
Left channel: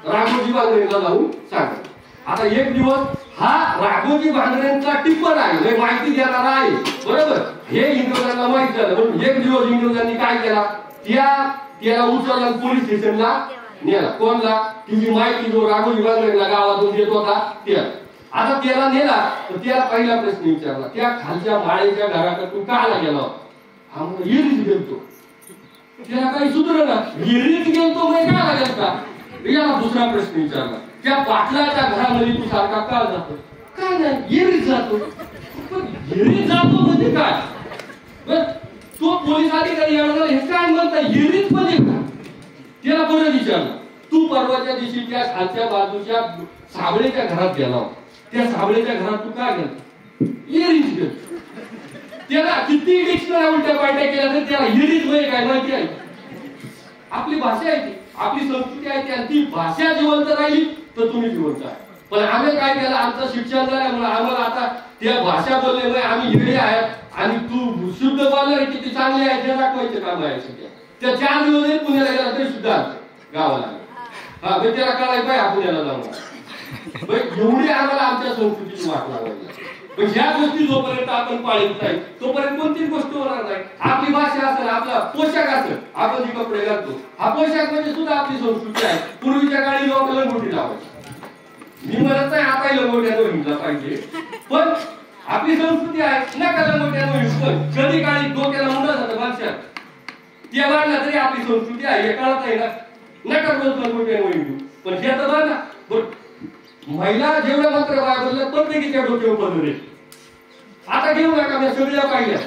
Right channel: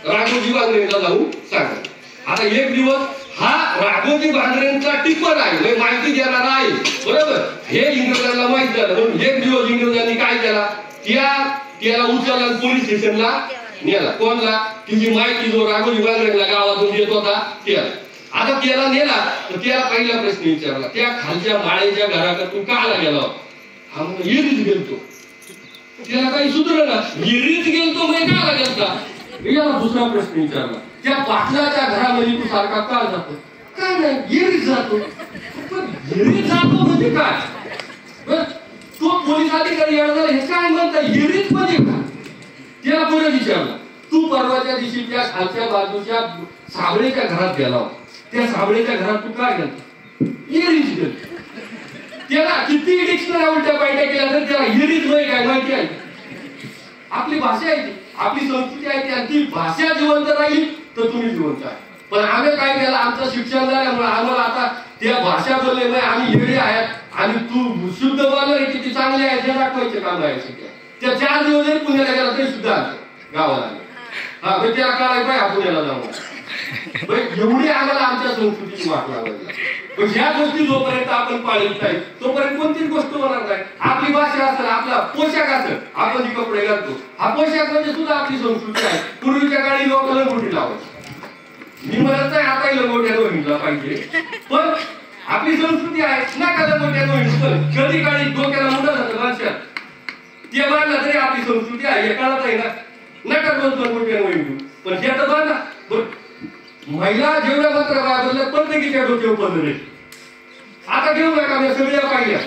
राघोजी भांगरेंना जाऊन सांगायचा. आता एक दिवस हा राघोजी भांगरेंचा टिप्पर आहे, माहिती देणारा आहे, बरोबर, हे इंग्रजांना माहित झालं. म्हणून एक दिवस इंग्रजांनी काय केला, त्याला उचलला पोलीस स्टेशनला नेला. कोणला, की जी माहिती जो राघोजी भांगरेंना गावातून देत होता त्याला. आता त्याला नेला तर त्याला पहिला प्रश्न विचारला, त्या खालच्या माळेच्या घराकडे तू का गेला होता? हा म्हणून इरीत गेलतो. त्याला काही सुधरला, इरीत गेलतो म्हणजे का गेलता? याला दुसरा प्रश्न विचारला, त्या पाटलाच्या घरामध्ये तू सारखा का जातो? काय नाही, येरीत जातो. पण येरीत जातो म्हणजे काय? बर, तो पोलीस अधिकारी हे काय म्हणता, येरीत म्हणजे काय? त्याला परत विचारला, तू परवाच्या दिवशी त्या खालच्या बाजूच्या साबळेच्या घरात गेला होता, त्या साबळेच्या घरात तू का गेला? येरीत गेला. त्याला किती डिक्शनरी उलट्या पालट्या केल्या तर त्याला येरीत म्हणजे काय माहिती आहे? आपली भाषा आहे, आपली संस्कृती आहे, आणि ती भाषा जिवंत राहिली तर तुम्ही जिवंत आहे. पण आम्ही काय केलं, आमचं शिक्षण झाल्यामुळे आम्हाला आता त्या भाषा बोलल्यामुळे आम्ही येडे आहेत आणि तू शुद्ध बोलणार किती चांगले आहे हे दाखवायचे काम आहे. त्या 4 दिवस जरी पुण्याला गेला तरी सुद्धा गावाला हा म्हणजे त्याला काय पाहिजे पुण्याला जाऊन एवढी आम्हाला आमच्या संस्कृतीची वाट लावायची. पण ह्या गोष्टी जोपर्यंत आपण पाळीत नाही तोपर्यंत कोणतीच गोष्ट होणार नाही. आपली भाषा असेल, आपला पोशाख असेल, आपण जे कपडे घालतो हा पोशाख म्हणजे सुद्धा आपली संस्कृती आहे. पूर्वीच्या काळी लोक लंगोटी लावायची, मी म्हणत नाही आता लंगोट्यानं हिंडला पाहिजे, पण आपली संस्कृती आहे नका लंगोट्यानं हिंडू. कधी काळी डोक्याला मुंडा जातं माणसात ते बांधला तरी आपली संस्कृती आहे, हे कळत नाही ना, नका रोज लंगोट्यानं हिंडू. पण हे तर बांधा. महिला जेवढ्या मात्र बाहेर प्रत्येकीच्या डोक्यावर पदर आहे. आता घेऊ नका, मी सगळ्या पाहिल्या.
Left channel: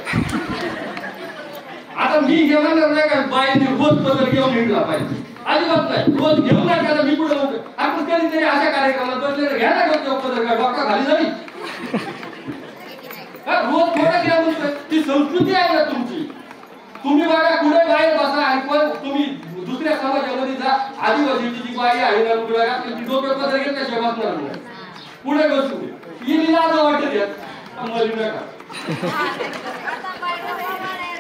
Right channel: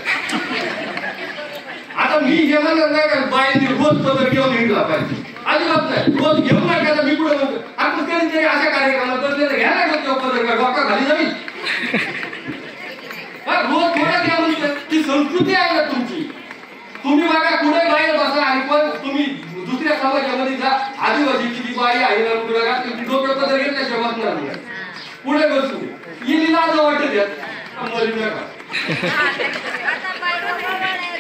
आता मी हे म्हणणार नाही का बाईंनी रोज पदर घेऊन निघला पाहिजे, अजिबात नाही. रोज घेऊ नका. मी पुढे म्हणतो आपण कधीतरी अशा कार्यक्रमात बसले तर घ्या ना डोक्यावर पदर, का डोका खाली जाईल. रोज थोडा घ्या म्हणतो, ती संस्कृती आहे ना तुमची. तुम्ही बघा कुठे बाहेर बसा आणि पण तुम्ही दुसऱ्या समाजामध्ये जा, आदिवासीची जी बाई आहे ना तुला ती डोक्यावर पदर घेतल्याशिवाय बसणार नाही. पुढे बसू ही लाज वाटत मरी नका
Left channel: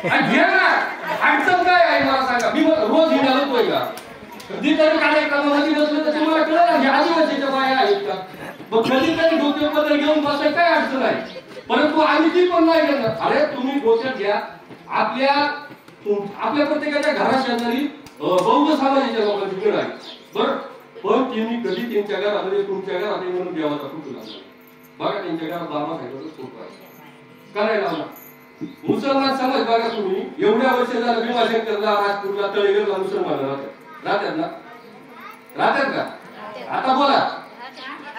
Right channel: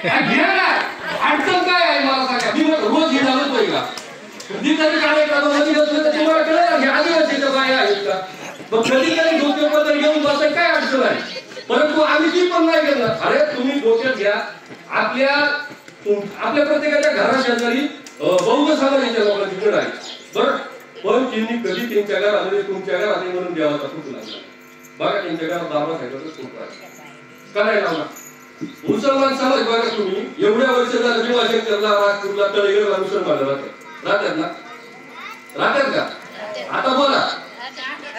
घ्या ना. अडचण काय आहे मला सांगा. मी रोज हिला होतोय का जिथे कार्यक्रमामध्ये बसलं तर तुम्हाला कळलं ना आदिवासीच्या बाई आहेत का, मग कधी काही डोक्यावर पदर घेऊन बसायला काय अडचण आहे. परंतु आम्ही ती पण नाही घेणार. अरे तुम्ही डोक्यात घ्या, आपल्या प्रत्येकाच्या घरा शेजारी बौद्ध समाजाच्या लोकांची घर आहे बरं, पण त्यांनी कधी त्यांच्या घरामध्ये तुमच्या घरातले म्हणून देवाचा फोटो लागला बघा. त्यांच्या घरात बाबा साहेबाचा फोटो आहे करायला लावला. मुसलमान समाज बघा तुम्ही, एवढ्या वर्ष झालं भीमाशंकरला, राजपूरला, तळेगरला मुसलमान राहतात ना, राहतात का? आता बोला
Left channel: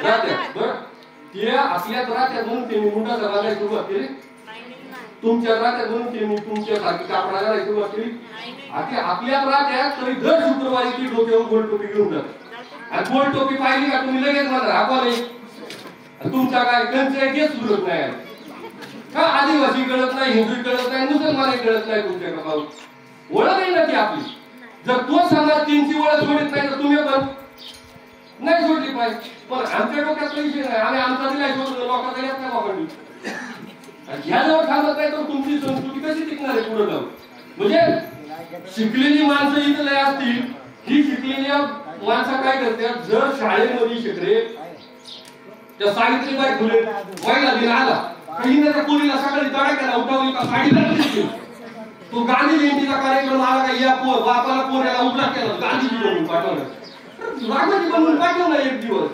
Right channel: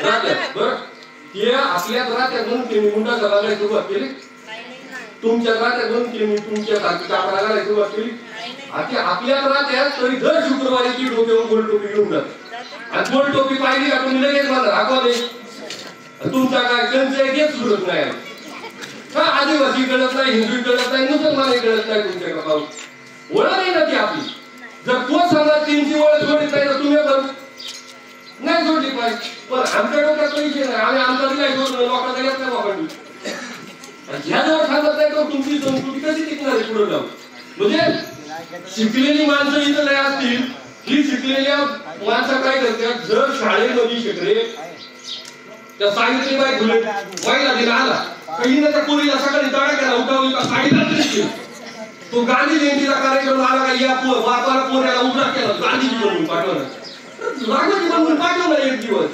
राहतात बरं. ते आपल्याच राहतात म्हणून त्यांनी मुंडाचा बांधायला सुरुवात केली. तुमच्या राहत्यात म्हणून त्यांनी तुमच्यासारखी कापडा घालायला सुरुवात केली. आपल्यात राहत्यात तरी दर शुक्रवारी ती डोक्यावर गोल टोपी घेऊन जाते. आणि गोल टोपी पाहिली का तुम्ही लगेच म्हणता हा कॉलेज तुमचा काय कंच आहे तेच सुरत नाही. का आदिवासी कळत नाही, हिंदू कळत नाही, मुसलमान कळत नाही, तुमच्या कपाळ ओळख नाही ना ती आपली. जर तो समाज त्यांची ओळख सोडित नाही तर तुम्ही पण नाही सोडली पाहिजे. पण आमच्या डोक्यात विषय नाही, आम्ही आमचा नाही सोडलो, लोकांचा येत नाही बाबांनी. ह्या जवळ सांगत नाही तर तुमची संस्कृती कशी टिकणार आहे पुढे जाऊन. म्हणजे शिकलेली माणसं इथं लय असतील, ही शिकलेल्या माणसं काय करतात, जर शाळेमध्ये शिकले त्या सावित्रीबाई फुले महिला दिन आला काही त्या पोरीला सकाळी जाड्या केला उठावली का साडीला तरी तो गांधी जयंतीचा कार्यक्रम आला का या बापाला पोऱ्याला उभा केला गांधीजी बनवून पाठवलं, राघोजी बनवून पाठवलं एक दिवस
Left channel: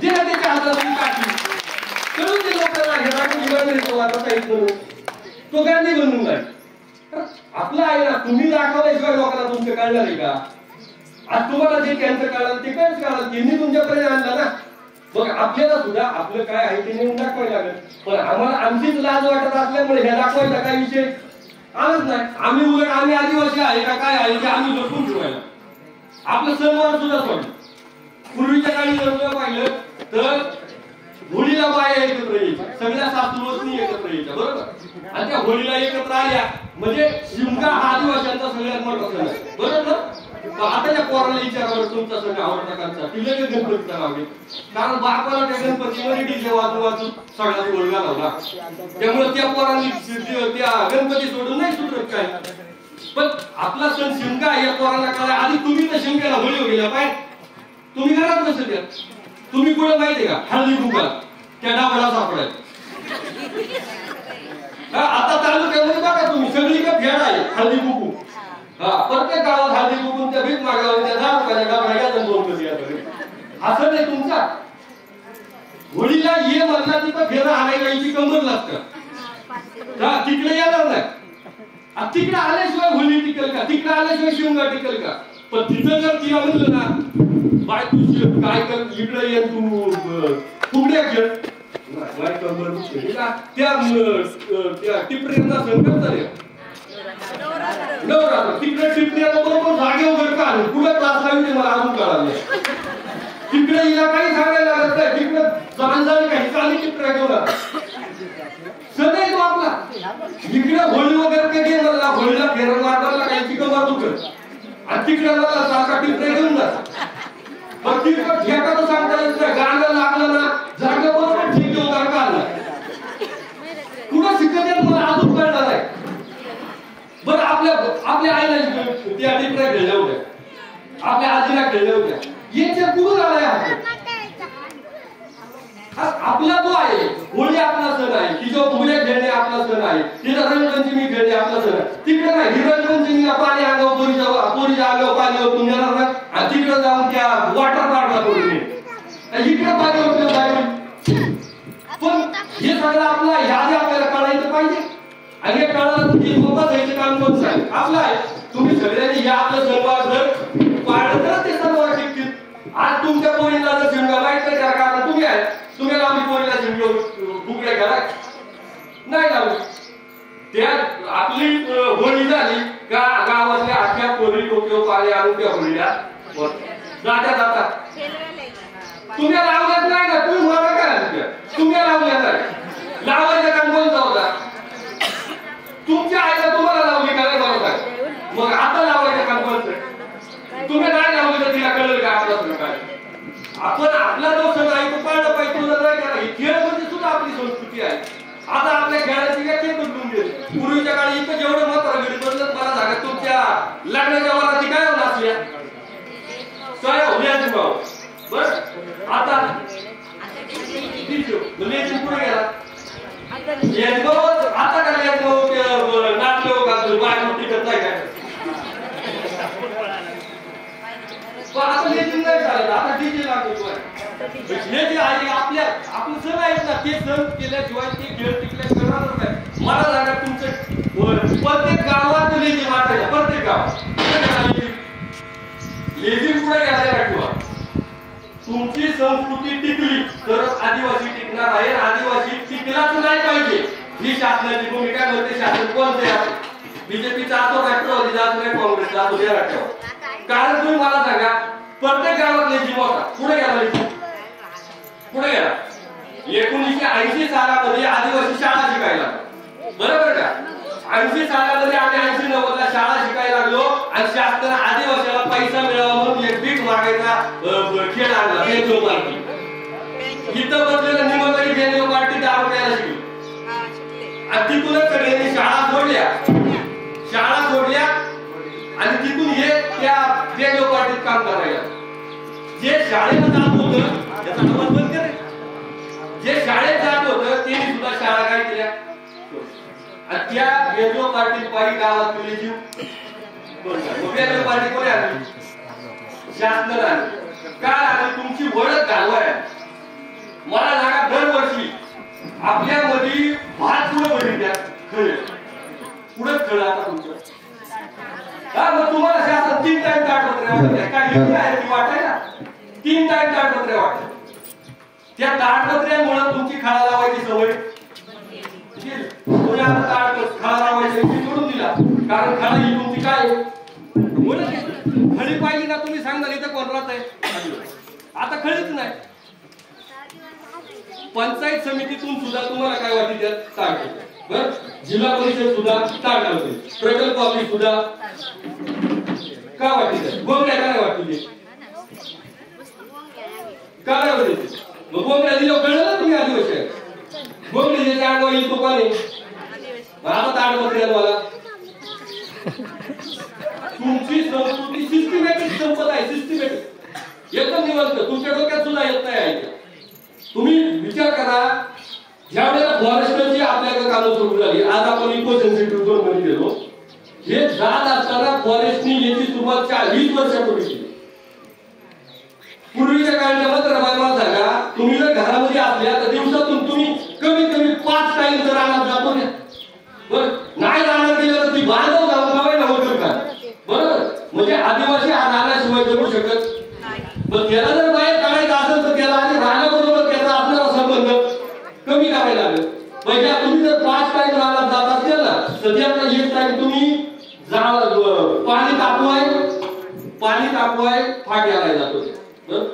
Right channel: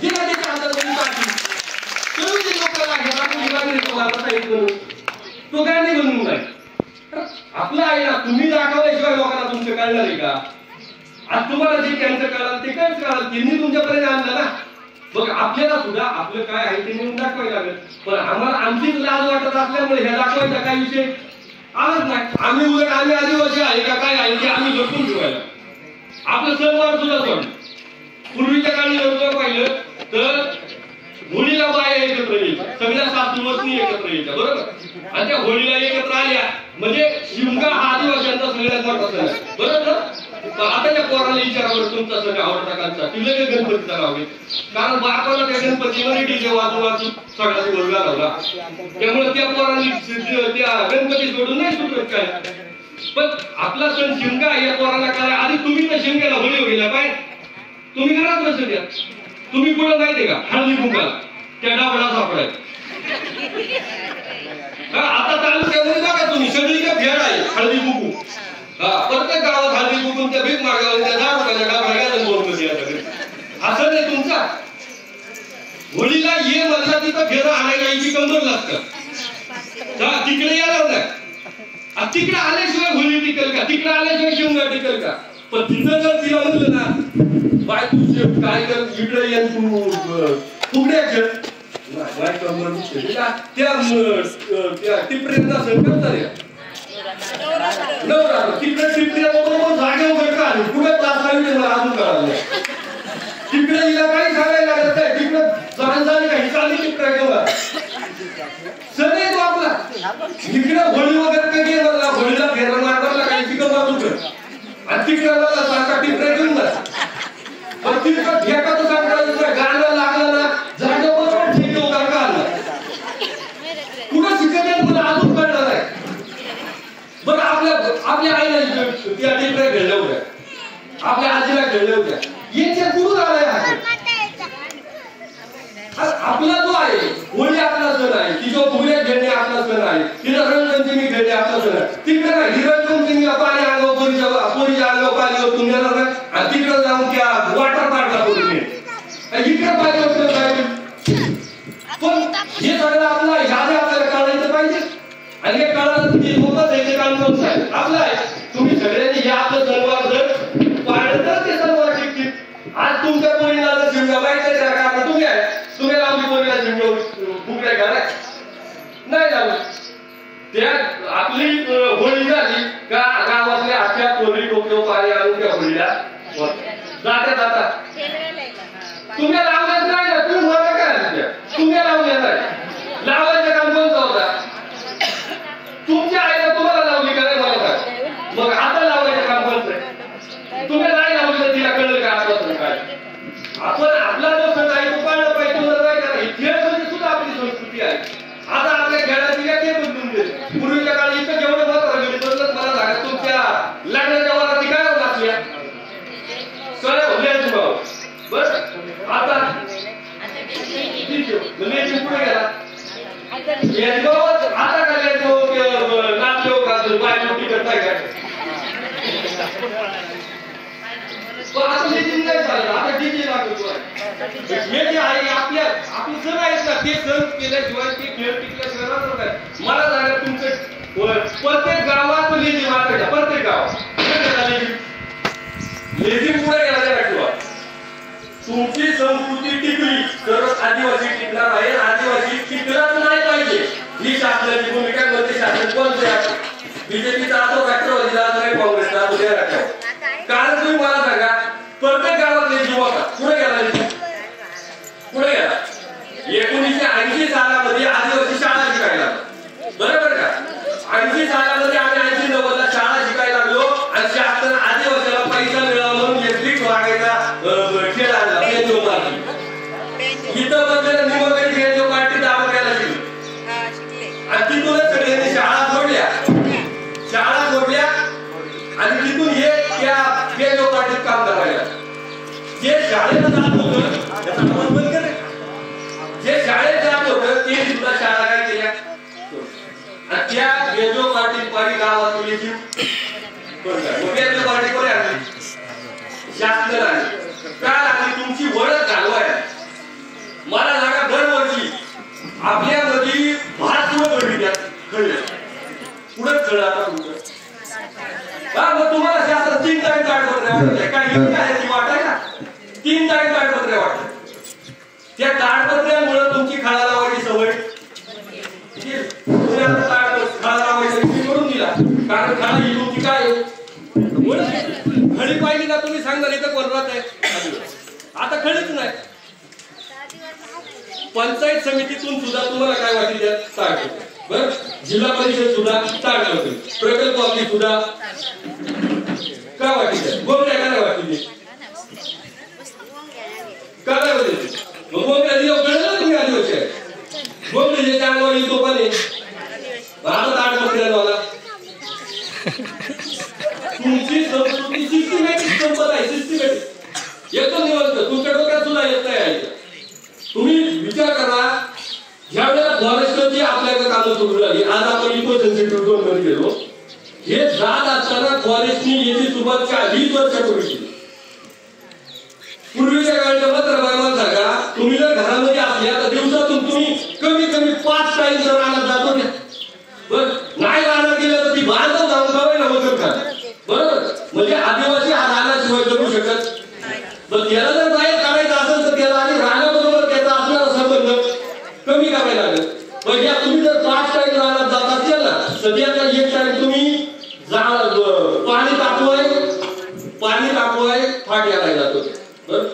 दिला त्याच्या हातामध्ये काढली करून ते लोकांना तो गांधी बनवून जाईल. आपलं आहे ना, तुम्ही दाखवल्याशिवाय लोकांना तुमचं कळणार आहे का? आज तुम्हाला जे त्यांचं कळालं ते कायच कळालं, त्यांनी तुमच्यापर्यंत आणलं ना. मग आपल्याला सुद्धा आपलं काय आहे ते नेऊन दाखवायला लागेल. पण आम्हाला आमचीच लाज वाटत असल्यामुळे ह्या दाखवायचा काय विषय आलंच नाही. आम्ही उलट आम्ही आदिवासी आहे का काय आहे ते आम्ही जपून ठेवायला आपलं सणवार सुद्धा सोडलं. पूर्वीच्या काळी जर पाहिलं तर होळीला बाया एकत्र यायच्या, सगळ्या सासूवसनी एकत्र यायच्या, बरोबर. आणि त्या होळीला एकत्र आल्या म्हणजे शिमगा हा आदिवासींचा सगळ्यात मोठा सण आहे, बरोबर. पण आता या पोराला विचारावर तुमचा सण आवडता कांचा ती लगेच गणपतीचा नाव घेते. कारण बापाला त्या गणपतीमध्ये डीजे वाजून वाजून सगळा दिवस घालवला. त्यामुळे त्या पोरांनी त्या गणपती सोडून नाही सुटत काय. पण आपला सण शिमगा या पोरांना कळाय आधी. तुम्ही तर शिमग्याला होळी गेला पाय तुम्ही घरात नसेल द्या. तुम्ही कुठं माहितीये का हळदी कुंकाला त्या डाबडा सापडाय. आता तालुक्यामध्ये बघा तुम्ही सगळी का फेड आहे हळदी कुंकू. प्रत्येक गावात हळदी कुंकू त्या भीक मागावर त्या 10 रुपयाच्या डाबडा घ्या बोल कधी असं नाही. तुमचा होळीला ये म्हणला तिथं फेरा आणायला यायची कंबर लागतं. तिकडे येणार नाही. तिकडे आल्याशिवाय होळी टिकल का, तिकडे आल्याशिवाय शिमगा टिकल का. पण तिथं जर तिला म्हणलं ना बाय तू काय कर इकडे ये तू फुगड्या खेळ त्या टिपऱ्यांचा सण करतात नवरात्र. तिकडे टिपऱ्या बरोबर जागे वगैरे का आले पुढे क्लास लावले मला अजून कळालं. तिकडे हिला काही सांगायला लागत नाही. तिकडे जाण झाली काही चालली टिपऱ्या घेऊन सण आहे तो आपला. इकडे होळी वगैरे ते मला होळीला फेरा मारला काही चिकन मारतो आणि तिकडे मला सारखा टिपऱ्या घेऊन जा. पण तिकडं एखादं सांगता गाणं लागलं ना जागा बरोबर ठीक होता का आला कुठं शिकत मला अजून कळणार आहे. बरं आपल्या आईला त्या टिपऱ्या खेळल्या होत्या, आपल्या आजीला खेळल्या होत्या. याच्या कुठून आलाय आपला जो आहे होळी आपला सण आहे. तिच्या फुगड्या खेळणे आपला सण आहे. तिला रंगपंचमी खेळणे आपला सण आहे. तिकडे नाही ही रंगपंचमीला पाणी अंगावर पोरीच्या अंगावर पाणी ओतून येणार नाही आणि तिकडे जाऊन त्या वॉटर पार्कला करून इकडे पाणी ओतलं पाहिजे. पण हे सगळं आपलं यादी आपल्याला कळायचं पाहिजे. आणि हे कळायचं होतं याचे काम कोणचं आहे आपलं आहे. तुम्ही सगळ्यांनी या आपलं सणवार जर पाळलं तर ते सणवार शिकतील. आज तुमच्या पोरीला जर शिमगा माहिती आहे का आता तुम्ही आहे तुम्ही लावली पोरीला शिमगा फुगड्या घाला नाही लावली. त्या आपली होळी झाली का गावातल्या अख्ख्या पोरी डोक्यावर पाणी आणून त्या होळीला जात्या जातात. तुम्ही लावल्याच नाही ना तुम्ही मला काय तुम्ही लावल्या नाही. लावायचं काम कोणता होता तुमच्या आईला तुम्हाला लावली का नाही मला काय. मग आता लावायचं काम कोणतं तुम्ही नाही लावली तर तिला कळलं का आपला सण काय. आपण आपला जो सण आहे तो पाळला पाहिजे. तुला नाही करा खेळ म्हणजे सुद्धा आपली संस्कृती आहे. आता आपल्या खेळाची काय बदलून गेली. पूर्वीच्या काळी इथं जेवढं मात्र घडी बदलत मला सांगा तुमच्या लग्नाच्या वराती काय होणार असल्या काय होण्याची भाव बरं. आता पुढे गेला आता काय नाचले बाय टिकत नाही काय. आता लेझिम नाही झालं आता डीजे लागतोय. हे जे आहे आपले सण आहेत ना ते सण केल्याशिवाय ते खेळ टिकल्याशिवाय नाही. मला सांगा तुमचं प्रत्येक गावात लेझिम वाटायला प्रत्येक गावात लेझिम पुढे घ्यायला किंवा तुमची संस्कृती टिकली तर आदिवासी टिकणार आहे. आदिवासी टिकलाच नाही पाहिजे ही शासनाची भूमिका म्हणते. शासन कोणतं आहे बीजेपीचा असो राष्ट्रवादीचा असो नाही काँग्रेसचा असो द्या राष्ट्रवादी. कारण तुम्ही मला सांगा प्रत्येक गावातले जीव होता पुढे गेला पुढे गेला. 1980 सालामध्ये आदिवासी शाळा शिकायला बरोबर का. 80 सालामध्ये आम्ही 80-90 ला शाळा शिकायला लागलो आणि शासन आदिवासीला पैसा मिळावा म्हणून एक भीक मागायचा खेळ आणला बेंजो पार्टी. इथं बसलेलं निमंत्रण बेंजो पार्टी दारू घ्यायला शिकली आणि तिथूनच सगळ्यांनी शाळा सोडल्या आणि तिथून हे त्या बेंजो पार्टीत काम करायला. जे शाळेला जात होतं त्याचा आवाज बंद करे. जे शाळेत जात होतं ते सुद्धा शाळा काय केल्या आणि त्या बेंजो पार्टी पारी गावात गेली. बेंजो पार्टी कोणी आणली शासन आणली. काय आणली तुमची ओळख घालवाय. मला सांगा दरवर्षी आपल्यामध्ये भात पडली द्या पुढे चढ आता तुमचं मग तुम्हाला शासन 3 टाइम कागदपत्रे वाटत काय आहे ती वाटाय ना 3 टाइम कागदपत्रे वाटत. त्या ताडपत्र्यामुळे तुमची खळा लावायची सवय तुम्ही आता खळा लावायचा विषय करून दिला, कारण खळा ही तुमची काय खळी पाहिली ना तुम्ही सांगणार इथे कोण राहत आहे, आता खळीच नाही. पंचायत समितीतून सुद्धा तुम्हाला काय वाटते ताड बर, जिल्हा परिषद सुद्धा ताड करते, प्रकल्प ऑफिस सुद्धा काय वाटते, गोंगड्या काय वाटते काय होते, मग गोंगड्या दिलं कळलं ना तुम्ही आदिवासी आहे, गोंगडी जे अंगावर येतो पाणी आता ताडपत्र्याला तुमची संस्कृती सिस्टमॅटिक संपत आहे, सिस्टमॅटिक एकदम निवांत, तुमच्या डोक्यात सुद्धा येत नाही. तुम्ही विचार करा, ज्या वेळेला फॉरेस्टची आपल्याकडे कामं सुरू झाली, आज आपण इको सेन्सिटिव्ह झोन मध्ये गेलो, हे जात असताना फॉरेस्टनी याची सुरुवात 40 वर्षापूर्वी केली. पूर्वीच्या काळात मात्र बायमान सांगा, तुम्ही जर घरामध्ये असल्या तर दिवसातून तुम्ही कमी कमी 5 टाइम जर राहणार जातो ना, बर नाही राहणार गेलं तर ती बांधव जाऊन जावे ना वगैरे का, बरोबर. म्हणजे आदिवासी हा राहण्याशिवाय जगू शकत, पण त्याला जर बाहेर काढायचं असेल तर त्याला आणि राहण्याबरोबर त्याचा आपल्याला संबंध कमी करायला लागेल. म्हणजे तुम्ही जर 5 टाइम राहणार जात असेल ना, तर त्याचा 1 टाइम तुम्ही पाणी तापवाय फाट घालायला जातो, बरं.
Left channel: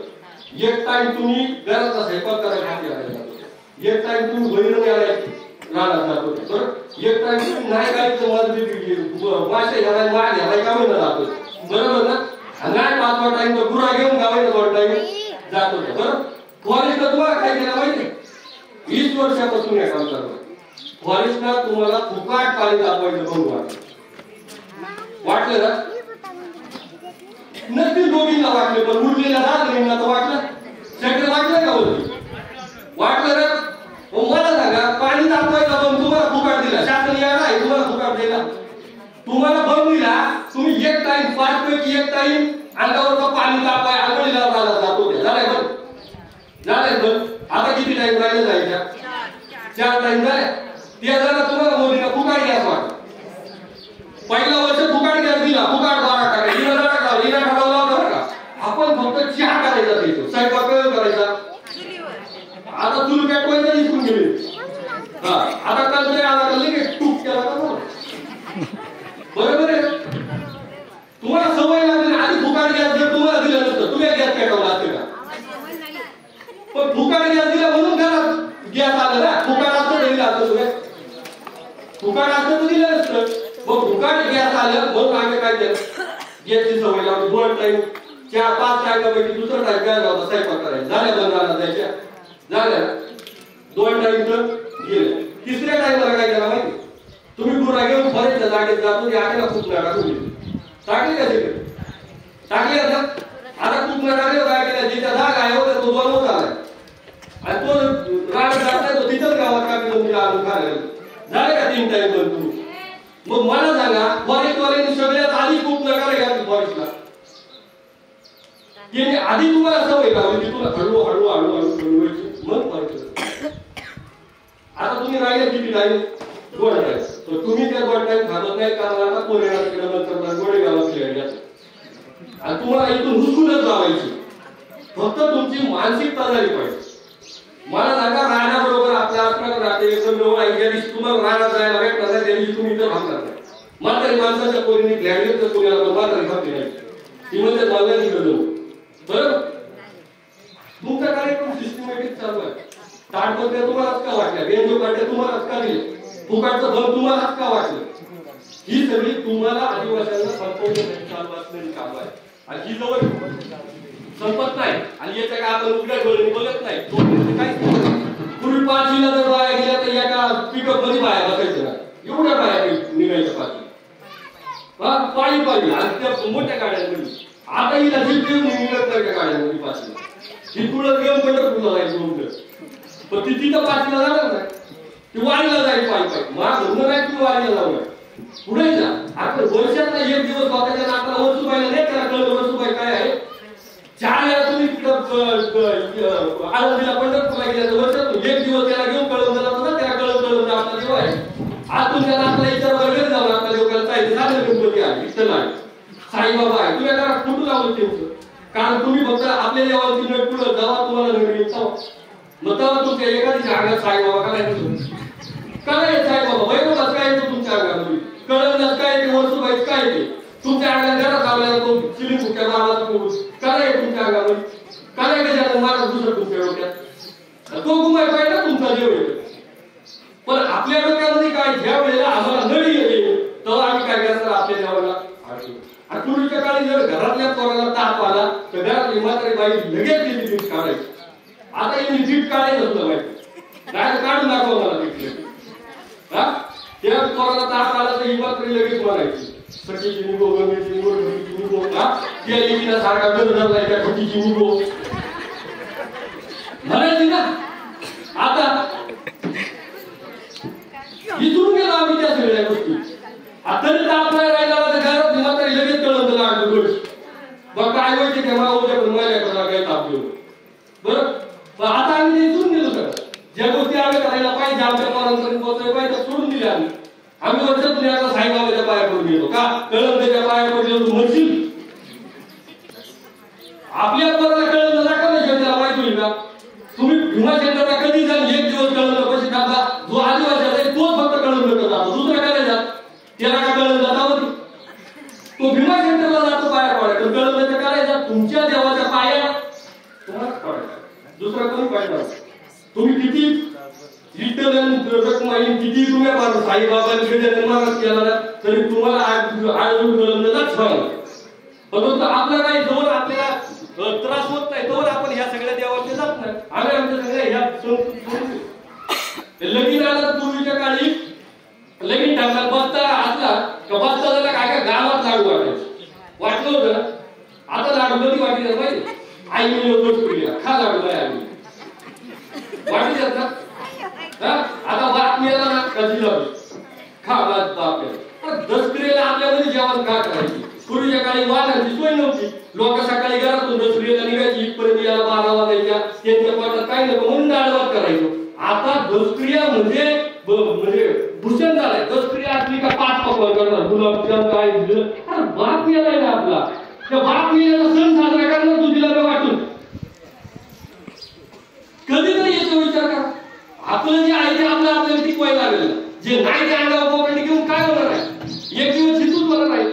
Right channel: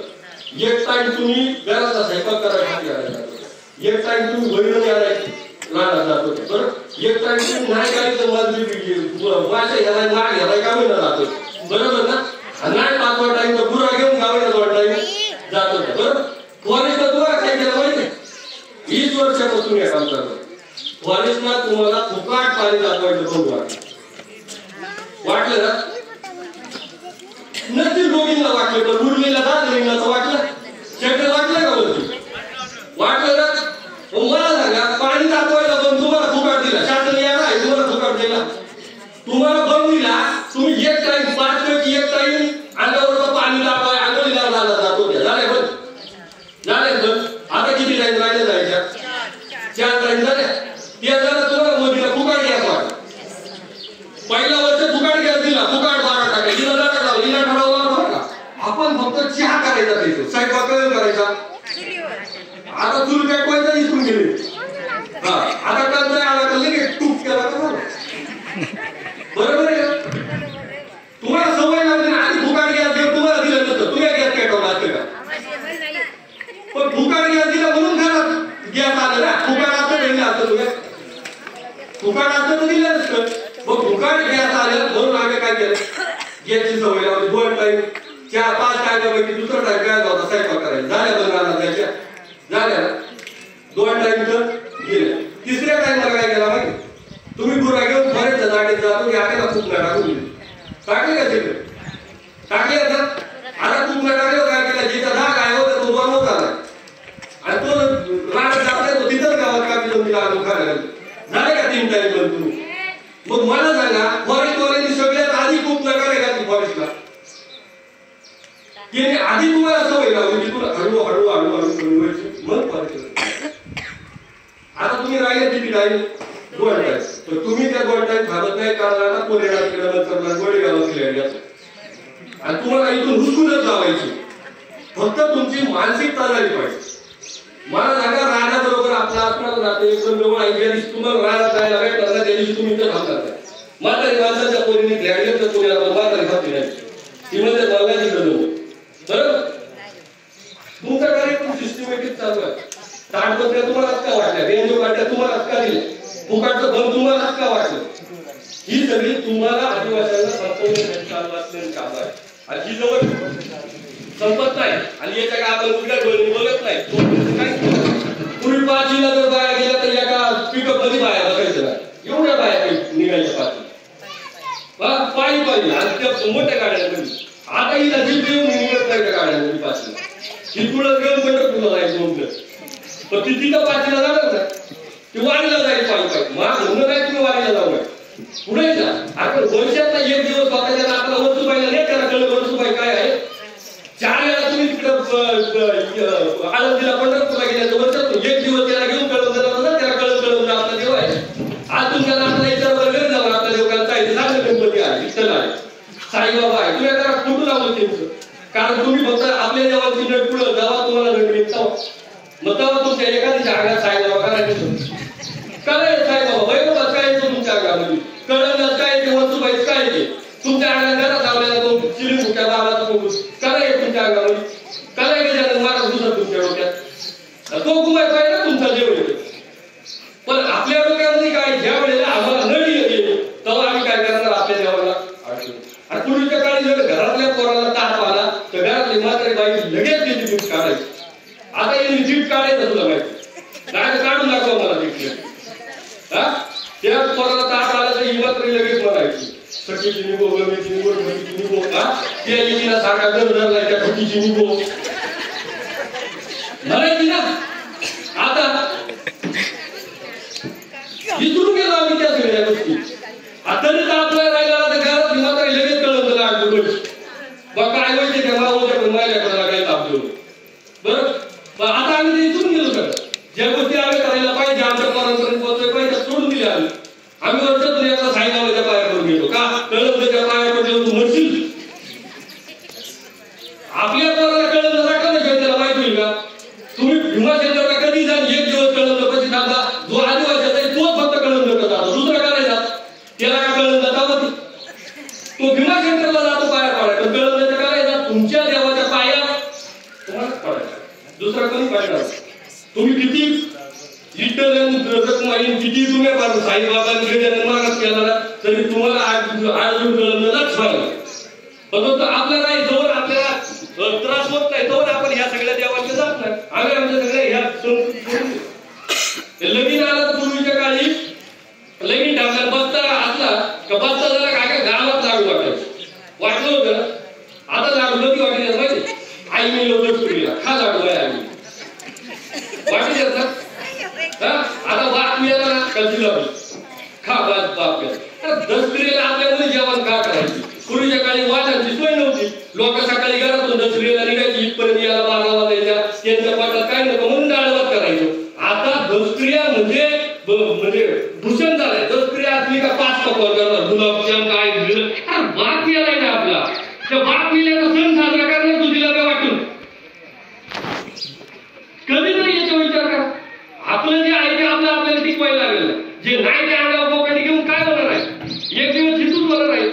1 टाइम तुम्ही घराचा स्वयंपाक करायला फाट घालायला जातो, 1 टाइम तुम्ही बहिरण घालायला राहणार जातो, बरं. 1 टाइम तुम्ही नाही काहीचं मासे घालाय माळ घालाय का महिना जातो, बरोबर ना. नाही 5वा टाइम तर गुरा घेऊन गावाला 2 टाइम जातो, बरं. फॉरेस्टला तुम्हाला काय केलं माहिती, 20 वर्षापासून हे काम करतो. फॉरेस्टला तुम्हाला फुकाट पाणी तापवायचं बंद वाटलं ना, नक्कीच दोघींना वाटलं, पण उरलेल्या दादरींना तर वाटलं, शेवटी वाटलं का वरती वाटलं ना. मला सांगा, पाणी तापवायला पण तुम्हाला फुकाट दिला, शासन यायला आहे तुम्हाला फुकाट दिला, तुम्हाला बंद दिला, तुम्ही 1 टाइम 5 पैकी 1 टाइम अंगावरचं पाणी तापाय अंगडीला राहणार जातो, झालंय बंद, झालंय बंद. आता किती टाइम राहिले जायच्या, 4 टाइम झाले. त्या झाला तुम्हाला मोदीला फुकाट गॅस वाटला, पहिला वर्ष फुकाट गॅस दिला, फुकाट 12 टाका दिला का, लिना ठरवला का, आपण फक्त चहा करायचा त्याचं स्वयंपाक करायचा. आता चूल पेटवायचा विसरून गेले, हा आता कळतंय आला कळलं की टूप केला का, बरोबर आहे. तुम्हाला सवय लागली ना, आधी फुकाट गॅस जर तुम्हाला दिलं नसतं तुम्ही गॅस पेटवला असतं का, पण फुकाट गॅस दिला म्हणून घरात गॅस आलं ना, फुकाट असतं दिलं असतं, तुम्ही फुकाट असतं तर दिलं नसतं. मग फुकाट गॅस आलं म्हणून आम्ही काय केलं, गॅसची सवय लावली. 2 टाइम 4-5 टाइमपैकी दुसरा टाइम काय होता स्वयंपाक करायचा, झाल्या बंद राहणार त्याच्या झाल्या 2 टाइम तर गेले. 3ऱ्या टाइमला काय केला माहिती, तुम्ही गुरा घेऊन बरेच जागेत जातो, याकडे खूप नाही टाकून टाकले का तिकडे टाकले आता. आता खूप टाकले काय केलं, जिथं जागा आहे होता तो बनवत आला आणि तो राहण्यात जात नाही, तो तिथंच गावात कापी दोन तिला आणून खायला झाले का 3 टाइम पण तुम्ही. मग मला सांगा, फॉरेस्टवाल्यांनी सगळ्यात आधी खूप नकार आहे का फॉरेस्टला, की आधी तुम्हाला सवय लावली की तुला हळू हळू हळू हळू बनवायची, मग फॉरेस्ट. आता तुम्ही राहिले किती टाइम, 2 टाइम, तर तुम्ही त्या 2 टाइम थांबत नाही, कारण कोण येणार तिकडे नंतर गोडे गावात आणि तुम्हाला इथून हुसकूनच लावायची, फक्त तुमची मानसिकता झाली पाहिजे. मला सांगा, राहण्याबरोबर आपल्या नाते एकदम जवळ आहे, ज्या दिवशी तुम्हाला राहण्यात जायला भेटणार नाही त्या दिवशी तुम्ही इथं थांबणार नाही. म्हातारी माणसाच्या पोरीने ग्रॅज्युएट तर तुम्हाला म्हातारी खाती नाही, ती म्हणते मागायची गरज, बरोबर. तुमचा कार्यक्रम सिस्टमॅटिक चालू आहे. ताडपत्र्या तुम्हालाच का वाटल्या, रेंजो काढल्या तुम्हालाच का दिलं, फुकाटचं भर तुम्हालाच का वाटलं, ही सगळी तुम्हाला आदिवासींना संपवण्यासाठी चालू असलेली काम आहे. आणि ही जवळ संपत नाही, आणि याच्या काय आपण उघड्या डोळ्यांनी बोलत नाही. पूर्वी 5 जिल्हा जर बाया गेल्या तर एका पिकअप मध्ये बाया बघायचं नाही, एवढ्या बाया निघायच्या पायी पायी, आणि त्या मोठ्या गाड्यांमध्ये. आता हिला जीप येऊन निघत नाही त्या गाड्यांमध्ये 5 ही पुढं घेऊन पंढरपूरला जायचं म्हणलं, पण ती तिथं 5ला जाणार नाही, ती वारीला जाईल पायी पायी. मग म्हणणं नाही तुम्ही वारीला जाऊ नये, पुढे जा. आपण वर्षातला 1 दिवस बघायचा, आपल्याला वरसुबाईला नाही त्याला कळलं वरसुबाई काय आहे. 4 वेळा तुम्ही आळंदीला पंढरपूरला गेल्या, वर्षातून 1 दिवस त्याला घेऊन कळवून जाणार, त्याला कळवून आपला देव आहे. आज तुमच्या आपल्या इतर वर्ग जाऊन आपल्या देवकाला जायचं, चांगलं गणपती आहे, विठ्ठल आहे, साईबाबा आहे, तुला घरात कुठं लावलं त्यांचं, कारण तुम्ही फक्त आपल्या देवाची नट पुढं जेव्हा तुम्हाला नवीन मग तेव्हा तुमच्या एखाद्याच्या अंगात साईबाबा करायचं काय साईबाबा वैभवात काय येतो तुमच्या अंगामध्ये कळण्यात काय येते वस्तूबाईच काय येते तुमच्या अंगात घरात आवल्याला तो चिली फुट्या बाबाचा काय आहे तुमच्या अंगामध्ये काय गजानन महाराज दुसरं तुमच्या डोक्यात तो गुमाय पाहिजे ना तुमचा जेवढे पण आपल्या डोक्यामध्ये काय ज्या वेळेला आम्हाला नडी येते तेव्हा आम्ही काय करणार आपल्या देवाला आणि पूर्वीच्या काळी जर घरातल्या पोराला ताप आला तर घरातली म्हातारी बाई लगेच त्याची जीप काढायची आता यांनी जीप काढायचं तुला माहिती काय काढून दाखवा मला तिकडे हा त्या पोराला ताप आला तर ही मात्र लगेच म्हणायची सखीची निघो गमीची निघो ढमीची निघो हा त्या एकीला सारखा गंधर्वला त्या फटीची निघो म्हणायची ना आता विसरून गेलो आम्ही त्या सगळ्या गोष्टी आता जर आपल्याला राहिला तर घरात मात्र लगेच कळत लागतो बस मग काय माहिती का मावळ्याकडून माझ्याकडे काय ताप देऊ बरं आता आम्ही ते विसरून गेलो सगळं ज्या गोष्टी आम्ही करायला पाहिजे आमच्या पोरांपर्यंत पोहोचवायला पाहिजे सोडून दिले आम्ही वर्षातून एकदा साईबाबाच्या पाया पडून गेलो का कळत त्याच्या पाया पडलो तू म्हणशील आपल्या पोराला कळत नका ना त्याला माहित होईल का तुम्ही भीमाशंकरला कधी जा एक दिवस कळत कशी थांबा जो आदिवासी आहे तोच फक्त कळत नका जातो दुसरा करायचा त्याला काय कळत जाता तो भीमाशंकरला जातो पाया पडायचा कळत नाही करायचा तुमच्या देवाच्या पाया तुम्हालाच पडायचा दुसरा कोणी पडणार तुम्ही किती किती तुम्ही पाहतो साईबाबांनी गजानन महाराज केला तरी तुम्हाला आजच पण आपल्याला नाही जवळ आपल्याला त्रास होत नाही तोवर आपण ह्या सगळ्या देवाच्या जात नाही आम्ही आमच्या सगळ्या ह्या लगीन आलं तर पूर्वीच्या काळी लगीन टाकायला बसता असला का बसता झाला काय गावात लागू वाटायचं वाटलं होतं ना आता लागू नव्हती वाटी माहिती आई मी लोक खा लागू नाही आम्ही वाटी देत ना आता बाप मिळाला ना कधी खा बाप केला दसऱ्याला आपल्यामध्ये जेवण का करायची पूर्वीच्या काळी वाटांची सोय नव्हती लोक सकाळी घरातून दसऱ्याला निघायची इथपर्यंत याला 12 वाजायच्या त्यांच्या पोटात काय नको म्हणून डाळभात करायचं आता दसक्रिया म्हणजे भूषण झालाय दसक्रिया असली का 5 पकवान करणार गुलाबजाम काय बाप मिळालाय ना आपला त्या बाप मिळाल्याचा सण साजरा करणार तू तिला काय वाटून कधी तरी याचा विचार करा आपलं जे आहे ते आपल्याला टिकवायला लागेल जे नाही ते अंगावर बोकांनी घेऊन काय होणार आहे एक दिवस हितूच होणार आहे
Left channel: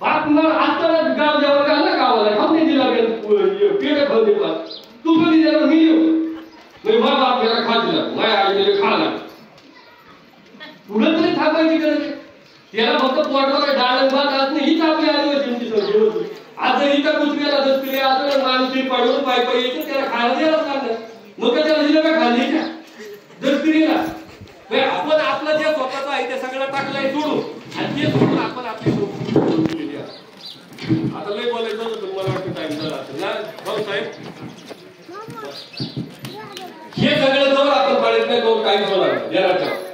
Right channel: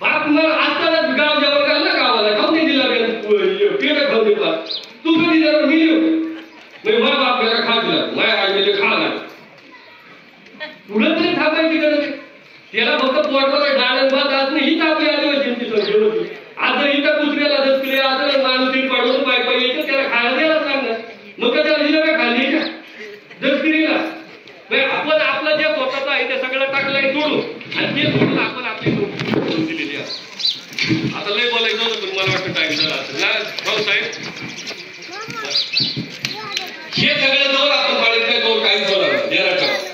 बाप असताना गाव जेवण घालला गावाला खाऊन नाही दिला पेट खाऊन दिला तू कधी जरा मिळू म्हणजे बाबा आपल्याला खा दिला माझ्या आईने खा लागला पुढे तरी थांबायची गरज त्याला फक्त पोटमध्ये डाळ भात आज नाही हीच आपली आदिवासींची सोय होती आज जर इथं दुसऱ्याला दसले आज माणूस पाडून पाय पाय यायचं त्याला खायला द्यायलाच लागणार मग त्याला दिलं काय खाली का दसकिरीला आपण आपलं जे स्वतःचं आहे ते सगळं टाकलंय सोडून आणि ते सोडून आपण आपली सोडून दिलेली आहे आता लय बोलायचं होतं पण मला वाटतं टाइम झाला असेल ना भाऊ साहेब हे सगळं जवळ आपण पाळीत नाही जवळ काहीच होणार देण्याचं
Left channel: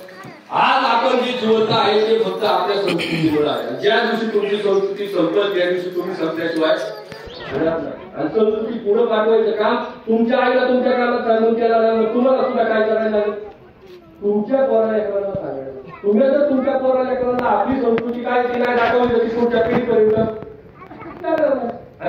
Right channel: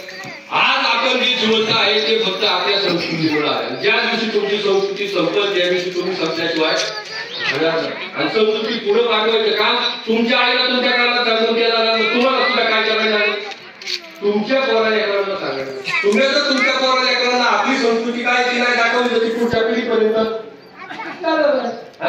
आज आपण जे जिवंत आहे ते फक्त आपल्या संस्कृतीमुळे आहे ज्या दिवशी तुमची संस्कृती संपत त्या दिवशी तुम्ही संपल्याशिवाय आणि संस्कृती पुढे पाठवायचं काम तुमच्या आईला तुमच्या काळात चांगलं केला नाही तुम्हाला सुद्धा काय करायला तुमच्या पोराला एकाला सांगायचं तुम्ही जर तुमच्या पोराला एकाला आपली संस्कृती काय ती नाही दाखवली तर ती पुढच्या पिढीपर्यंत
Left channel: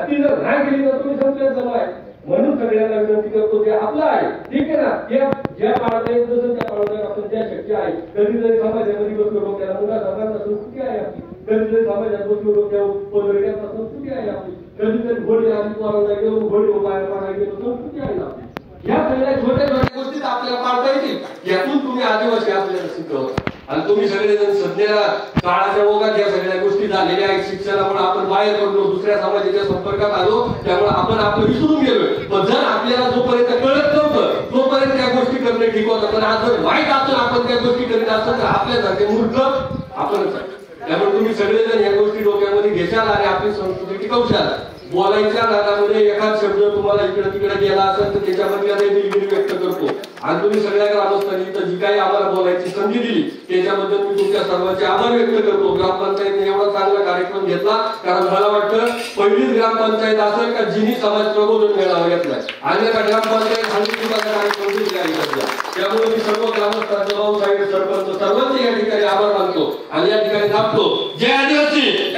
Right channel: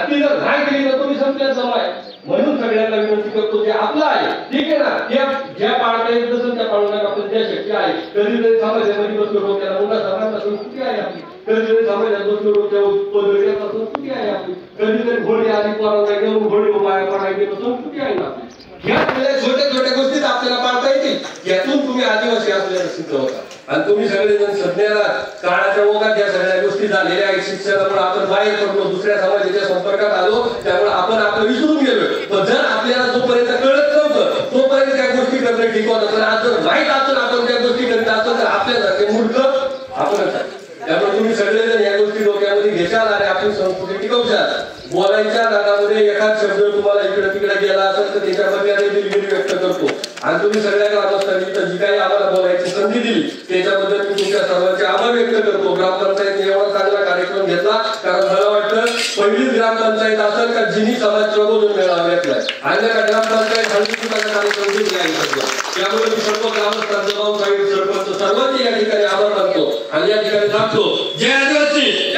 ती जर नाही केली तर तुम्ही संपल्यात जमा आहे म्हणून सगळ्यांना विनंती करतो ते आपलं आहे ठीक आहे ना ज्या पाळता येत जसं त्या पाळण्यात आपण ज्या शक्ती आहे कधीतरी समाजामध्ये बसलो डोक्याला मोठा समाजाचा संस्कृती आहे आपली कधीतरी समाजात बसलो डोक्यावर पदविकाचा संस्कृती आहे आपली कधीतरी घोडे आधी पोरांना घेऊन घोडे उभा पाळायला गेलो संस्कृती आहे ना आपली ह्या सगळ्या छोट्या छोट्या गोष्टीत आपल्याला पाळता येतील यातून तुम्ही आदिवासी आपल्याला सिद्ध होता आणि तुम्ही सगळेजण सध्या काळाच्या ओघात या सगळ्या गोष्टी झालेल्या आहेत शिक्षणामुळे आपण बाहेर पडलो दुसऱ्या समाजाच्या संपर्कात आलो त्यामुळे आपण आपलं विसरून गेलोय पण जर आपल्याला जोपर्यंत कळत नव्हतं तोपर्यंत त्या गोष्टी करणं ठीक होतं पण आज जर माहीत असून आपण त्या गोष्टी करीत असतो तर आपल्यासारखे मूर्ख आपणच आहे त्यामुळे तुम्ही सगळेजण या गोष्टी डोक्यामध्ये घेशाल आणि आपली संस्कृती टिकवशाल बोलायच्या नादामध्ये एखाद शब्द तुम्हाला इकडे तिकडे गेला असेल तर त्याच्यामध्ये आम्ही दिलगिरी व्यक्त करतो आणि तुम्ही सगळ्या ग्रामस्थांनी तर जी काही आम्हाला बोलायची संधी दिली त्याच्याबद्दल मी तुमच्या सर्वांचे आभार व्यक्त करतो ग्रामपंचायतने एवढा चांगला कार्यक्रम घेतला कारण मला वाटतं पहिलीच ग्रामपंचायत असेल का जिनी समाज प्रबोधन मेळावा घेतलाय आणि एका ग्रामपंचायत हळदीकुंकाचा कार्यक्रम घेतला आहे सध्या त्यामुळे मी सर्व ग्रामस्थांचं भाऊसाहेब सरपंच सर्वांचे या ठिकाणी आभार मानतो आणि या ठिकाणी थांबतो जय आदिवासी